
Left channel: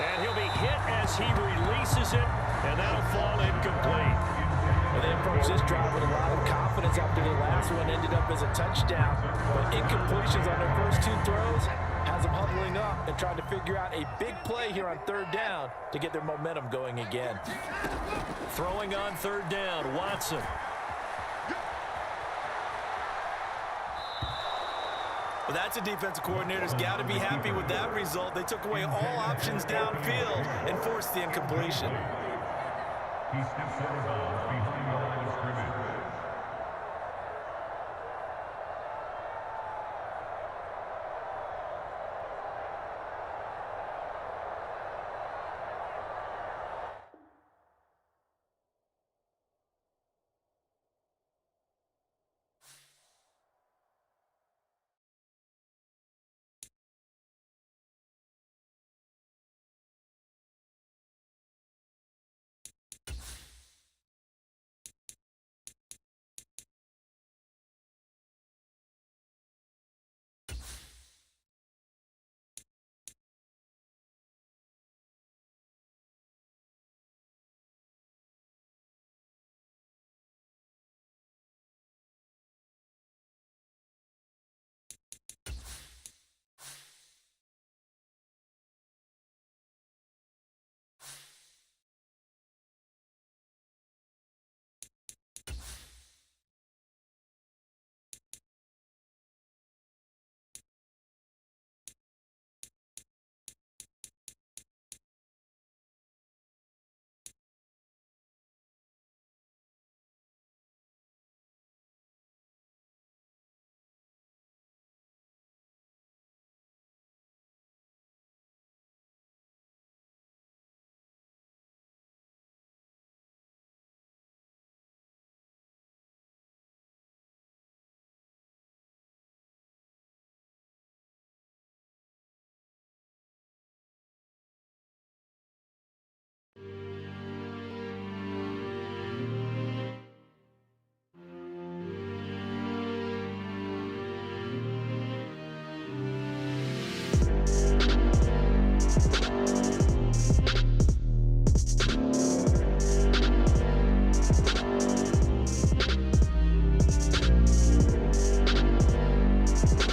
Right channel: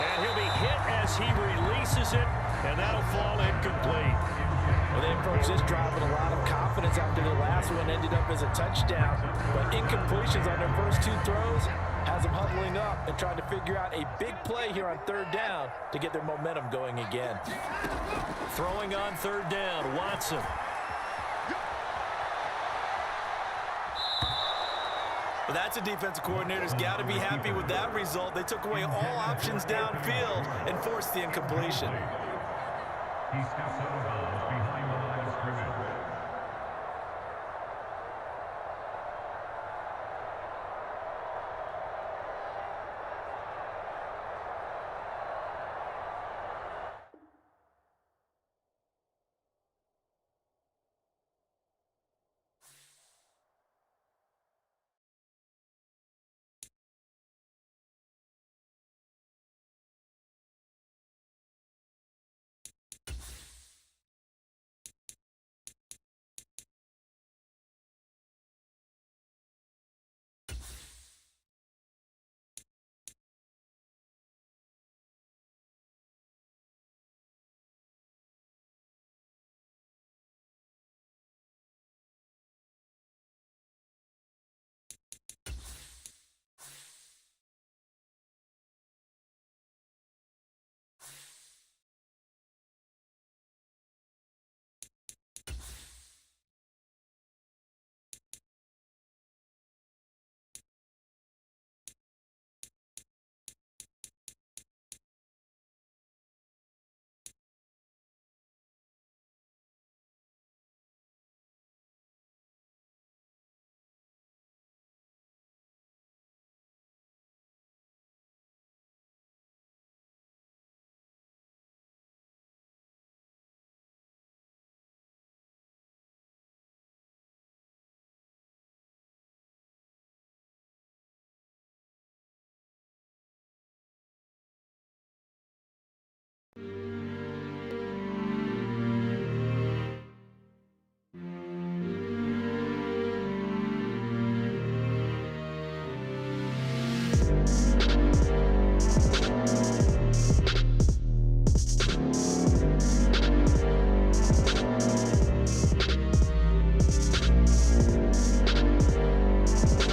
And he'll be hit as he releases it, and that'll fall incomplete. Well, they approached this drive with a lot of confidence after the last one ended up as a touchdown. But incompletions on their first 2 throws has them huddling up and trying to figure out a big play here on 3rd down to get their momentum going again. Throwing on 3rd down, Watson. Well, that's a defensive coordinator's got to be happy with that result. They took away all options downfield and forced the incompletion. He steps out of bounds behind the